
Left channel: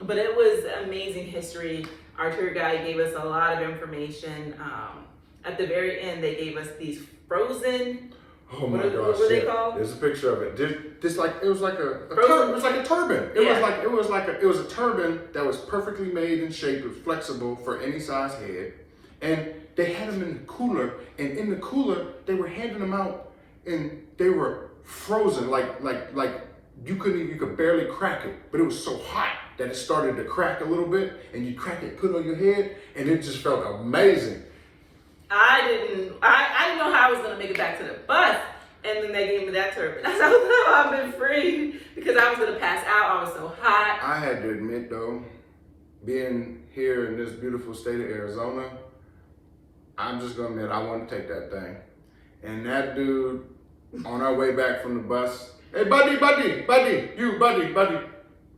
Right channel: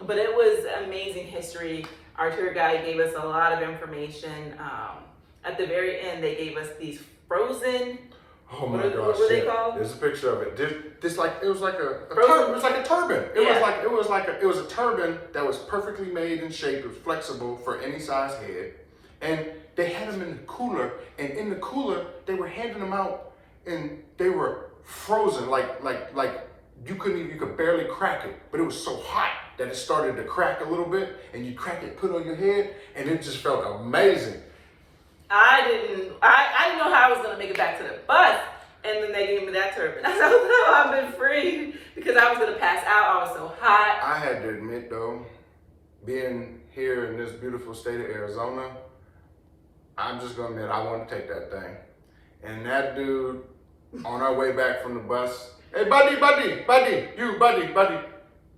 But it was amazing history. Our tour guide gave us a lot of information. At the very end, they gave us these frozen. Oh my gosh! What were they called? There's a picture of it. It was like a Frozen. it was like a turban. It was a turban that was perfectly made in shape. It was flexible for any size head, and they had them in the cooler. And in the cooler, they were handing them out, and they were frozen, like you could barely crack it. But it was so hot that it started to crack a little bit, and you crack it, put it on your head, and it just felt amazing. I didn't know how I was gonna make it back to the bus, and then they gave me that turban. I said, "Oh no, I've been free," because I was gonna pass out. I was so hot. I had to admit though, being here in this beautiful state of Arizona, I'm just gonna admit I want to take that thing. And that dude, on our way back from the bus, hey buddy,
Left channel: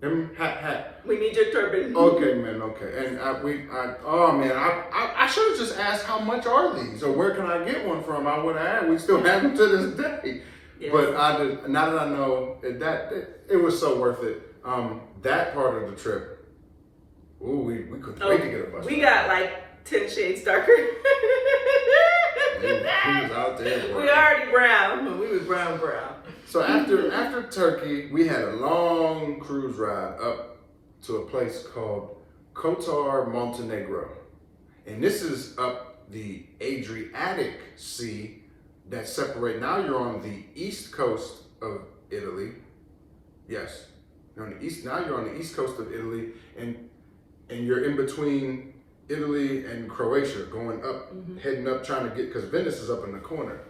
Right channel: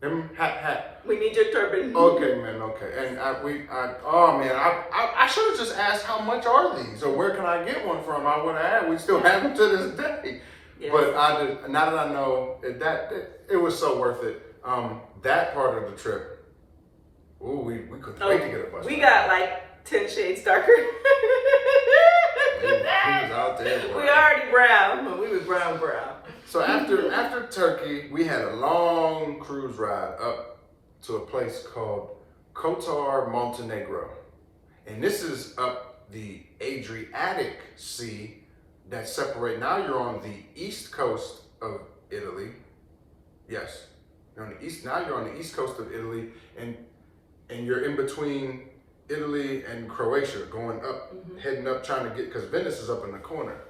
him hat. We need your turban. Okay, man, okay. And I should have just asked how much are these or where can I get one from? I would have. We still have them to this day. Yes. But now that I know it was so worth it. That part of the trip, ooh, we couldn't wait to get a bus. We got like 10 shades darker. He was out there. Boy. We already brown, but we was brown. So after Turkey, we had a long cruise ride up to a place called Kotor, Montenegro. And this is up the Adriatic Sea that separate. Now you're on the east coast of Italy. Yes, you're on the east. Now you're on the east coast of Italy, and you're in between Italy and Croatia, going up, heading up, trying to get, because Venice is up in the corner,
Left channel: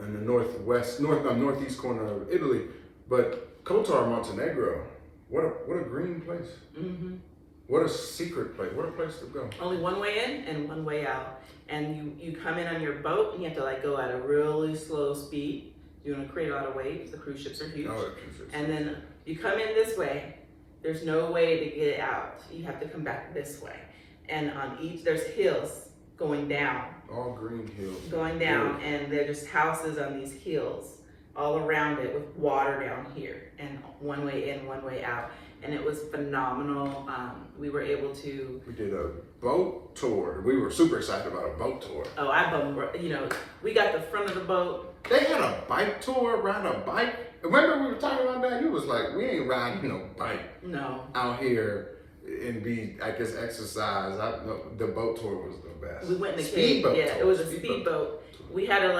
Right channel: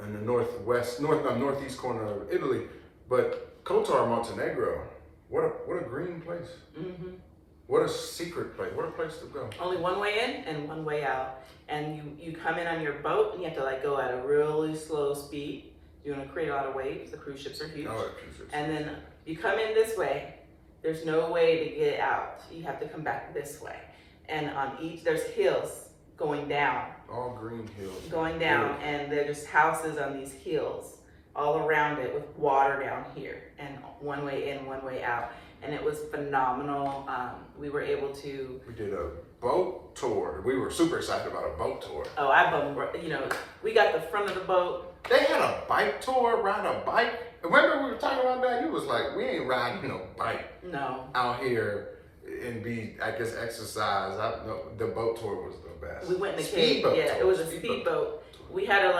in the northeast corner of Italy. But Kotor, Montenegro, what a green place. What a secret place. What a place to go. Only one way in and one way out. And you come in on your boat and you have to like go at a really slow speed. You're gonna create a lot of waves. The cruise ships are huge. Oh, cruise ships. And then you come in this way. There's no way to get out. You have to come back this way. And on each, there's hills going down. All green hills. Going down, and there's houses on these hills all around it with water down here, and one way in, one way out. And it was phenomenal. We were able to. We did a boat tour. We were super excited about a boat tour. Oh, we got the front of the boat. They had a bike tour, ride a bike. Remember we were talking about that? He was like, we ain't riding no bike No. out here and exercise. The boat tour was the best. We went in the cave. Speedboat Yeah, tour. it was a speedboat. We had to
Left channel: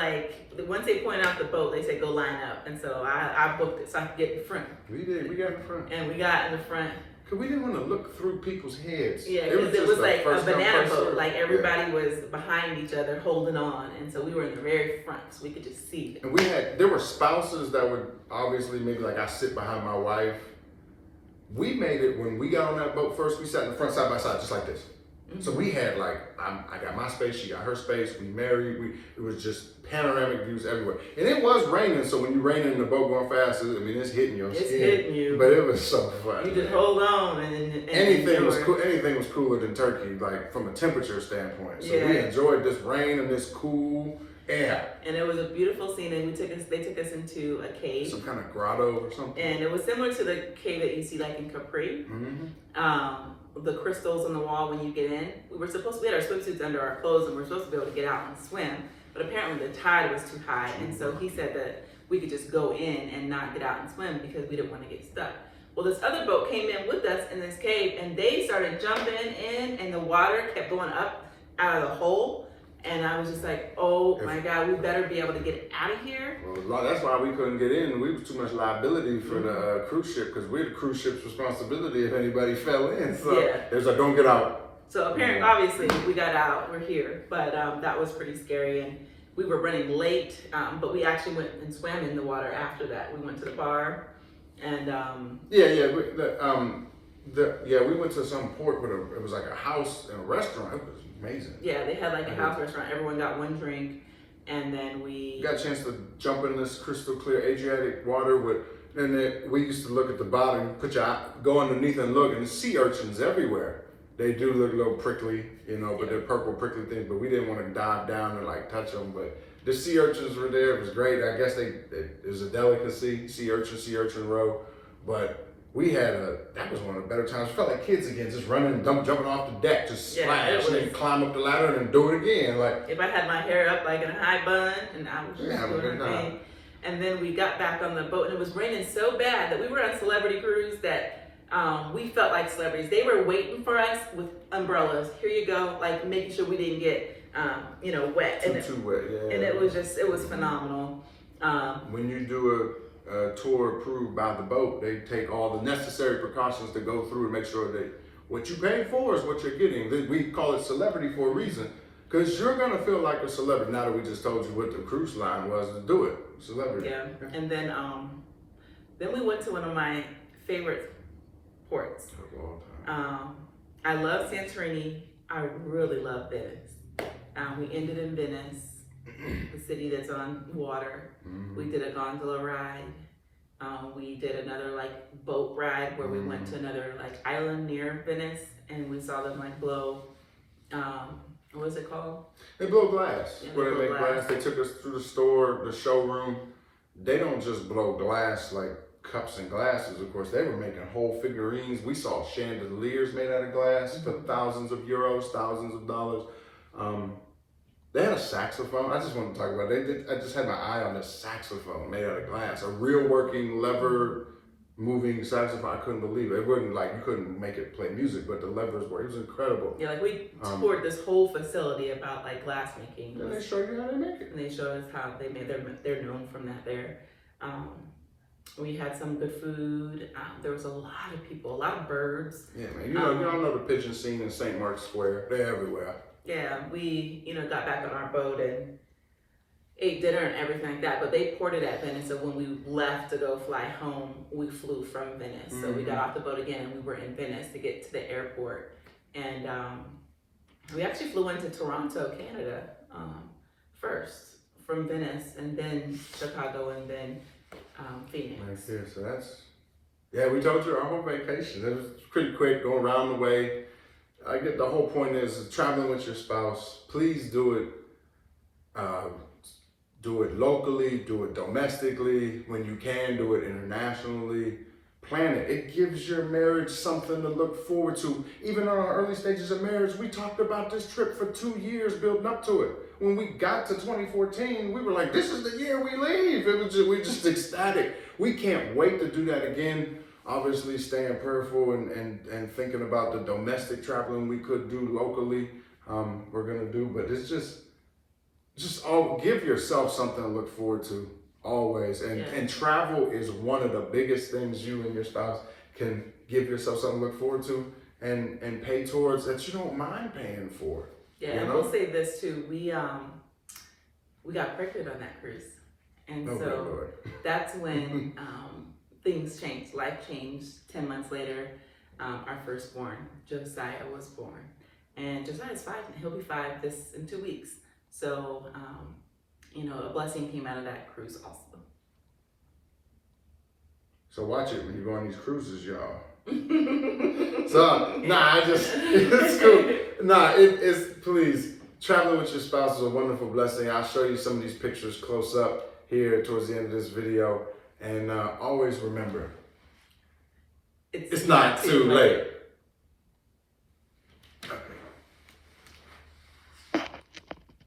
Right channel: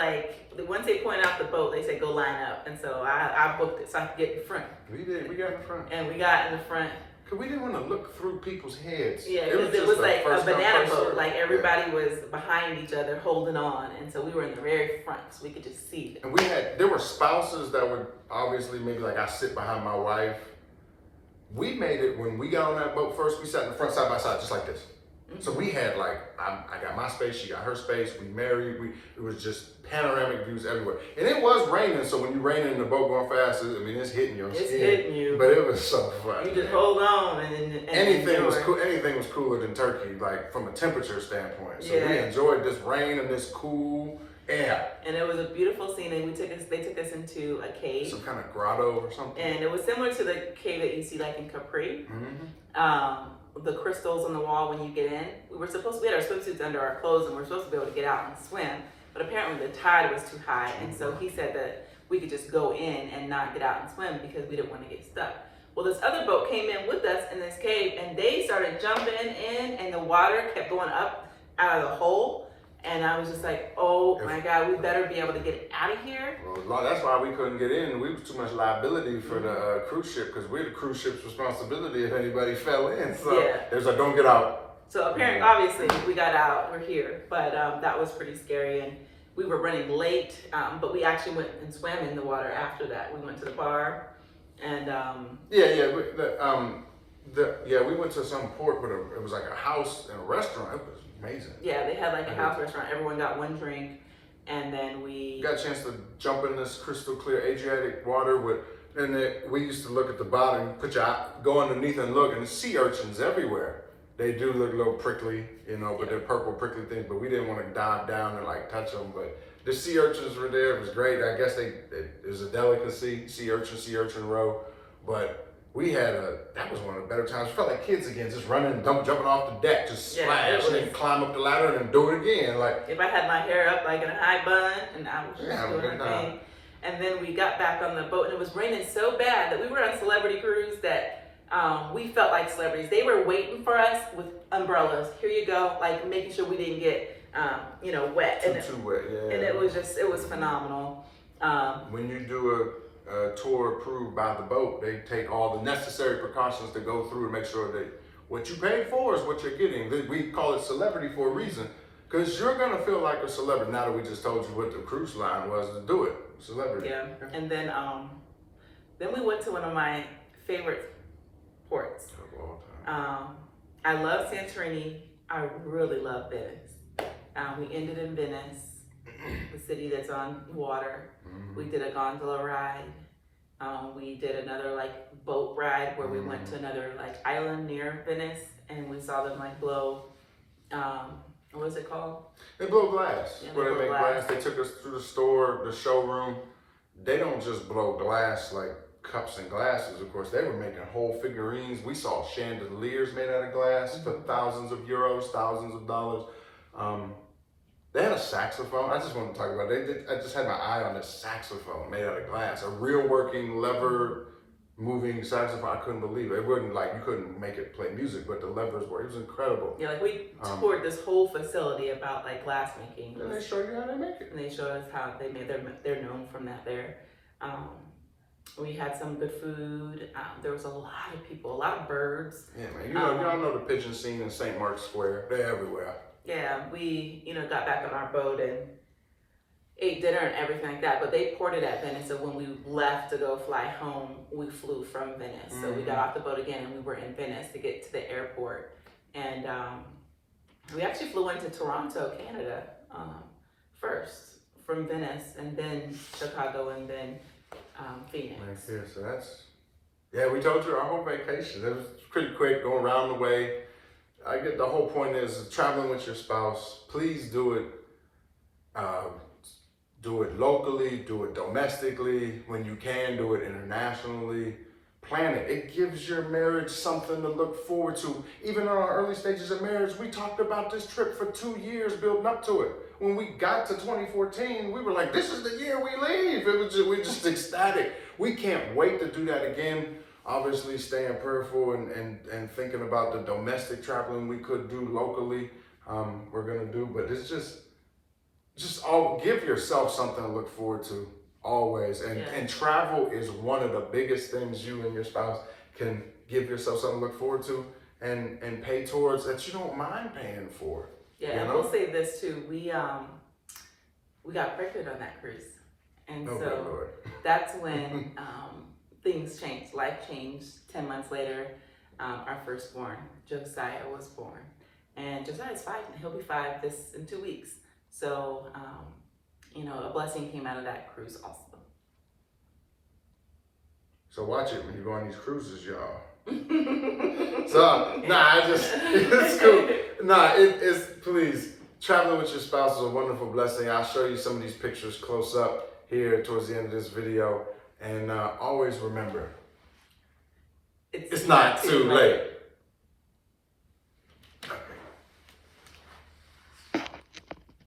once they pointed out the boat, they said go line up. And so I booked it so I could get in front. We did. We got in front. And we got in the front. Cause we didn't want to look through people's heads. Yeah, it was like a first come, banana first boat. serve. Like everybody was behind each other holding on. And so we were in the very front, so we could just see it. And there were spouses that would obviously maybe like I sit behind my wife. We made it when we got on that boat first, we sat in the front side by side, just like this. So we had I got my space, she got her space, we married, it was just panoramic views everywhere. And it was raining, so when you raining in the boat going fast, it's hitting your skin. It's hitting you. But it was so fun. You just hold on and Anything was enjoy. cool. Anything was cooler than Turkey, like from a temperature standpoint. So Yeah. we enjoyed this rain and this cool air. And it was a beautiful scene. And they took us into a cave. Some kind of grotto or something. And it was similar to the cave that you see like in Capri. The crystals on the wall when you get in. We had our swimsuits under our clothes and we were supposed to be able to get out and swim. But apparently the tide was too high. And so he said that we could just go in and not get out and swim because we didn't want to get stuck. Well, this other boat came in with us in this cave and they started jumping in and the water kept going up out of the hole. And I was just like, oh my God, we better be able to get out of here. Well, that's why we couldn't get in. We was too much liability for the cruise ship because we're the cruise ship's responsibility if anybody fell in. So Yeah. there's like, don't get out. So apparently, obviously, we got out, we're here. But that was pretty scary. And we were running late, but we actually went and swam in the water after that. We went to the bar And we went to some port with it was like a house and a restaurant. It was amazing. yeah, they had like a house restaurant. Everyone got one drink, and then we got a chance to jump in this crystal clear Adriatic water we used to look at the bottom, go underneath and look, and the sea urchins everywhere. They do look a little prickly, but they're purple prickly things. But we didn't want to dive down and like touch them. But the sea urchins were there. It was great. I guess it was a delicacy, sea urchin row. But that was one of the better times. We felt like kids again, just running and jumping off the deck, just splash, and then climb up the ladder and then do it again. Like if I had my hair up like in a high bun, and I was just doing my thing. And then we got back on the boat, and it was raining so bad that we were on Celebrity Cruise that we felt like celebrities. They were waiting for us with umbrellas. Here you go, like making sure we didn't get, wet. Too wet, yeah. And it was phenomenal. When you do a tour approved by the boat, they take all the necessary precautions to go through and make sure that what you paid for is what you're getting. We call it celebrity for a reason, because you're gonna feel like a celebrity now that we just told you what the cruise line was to do it. Celebrity. Yeah, and then we went to one of my favorite ports. I love Santorini. I really love Venice. We ended in Venice, the city that's on water. Mm-hmm. We did a gondola ride. We did another like boat ride where we went to another like island near Venice, and we saw them like blow. What is it called? They blow glass. Yeah, Where they make glass. They took us through the store, the showroom. They don't just blow glass like cups and glasses, of course. They were making whole figurines. We saw chandeliers made out of glass for thousands of euros, thousands of dollars. They had a saxophone. I just want to talk about it. I just had my eye on this saxophone made out of glass. A real working lever moving saxophone. I couldn't believe it. It wasn't like you couldn't make it play music, but the levers were. It was incredible. Yeah, like we toured this whole facility about like glass making. And they showed you how they make it. And they showed us how they made they're known from that there. We had some good food. There was a lot of people, a lot of birds. Yeah, man. You all know the pigeon scene in St. Mark's Square. They're everywhere. Yeah, we got back on our boat and ate dinner and everything like that, but they ported at Venice, so when we left to go fly home, we flew from Venice. So we got off the boat again and we were in Venice to get to the airport. And we actually flew into Toronto, Canada, first from Venice, and then Chicago, and then Phoenix. Right there, so we told you our whole vacation. It was pretty quick, going around the way. I get the whole point is traveling with your spouse, please do it. Do it locally, do it domestically. When you can, do it internationally. Plan it. It gives your marriage something to look forward to. Even in our early stages of marriage, we talked about this trip for 2 years building up to it. When we got to 2014, we were like, this is the year we leave. We're just ecstatic. We can't wait to do that again. Obviously staying prayerful and thinking about the domestic traveling we could do locally, we're gonna do, but it's just give yourself something to look forward to always. And travel is one of the biggest things you and your spouse can give yourself something to look forward to and pay towards that you don't mind paying for. Yeah, and we'll say this too, we got pregnant on that cruise. And so that's when things changed, life changed. 10 months later, our firstborn, Josiah, was born. And Josiah's 5, and he'll be 5 in 2 weeks. So, a blessing came out of that cruise also. So watch it when you go on these cruises, y'all. So, it's cool. Please, traveling with your spouse is a wonderful blessing. I'll show you some of these pictures close up here towards the end of this video. And always remember, it's not too late.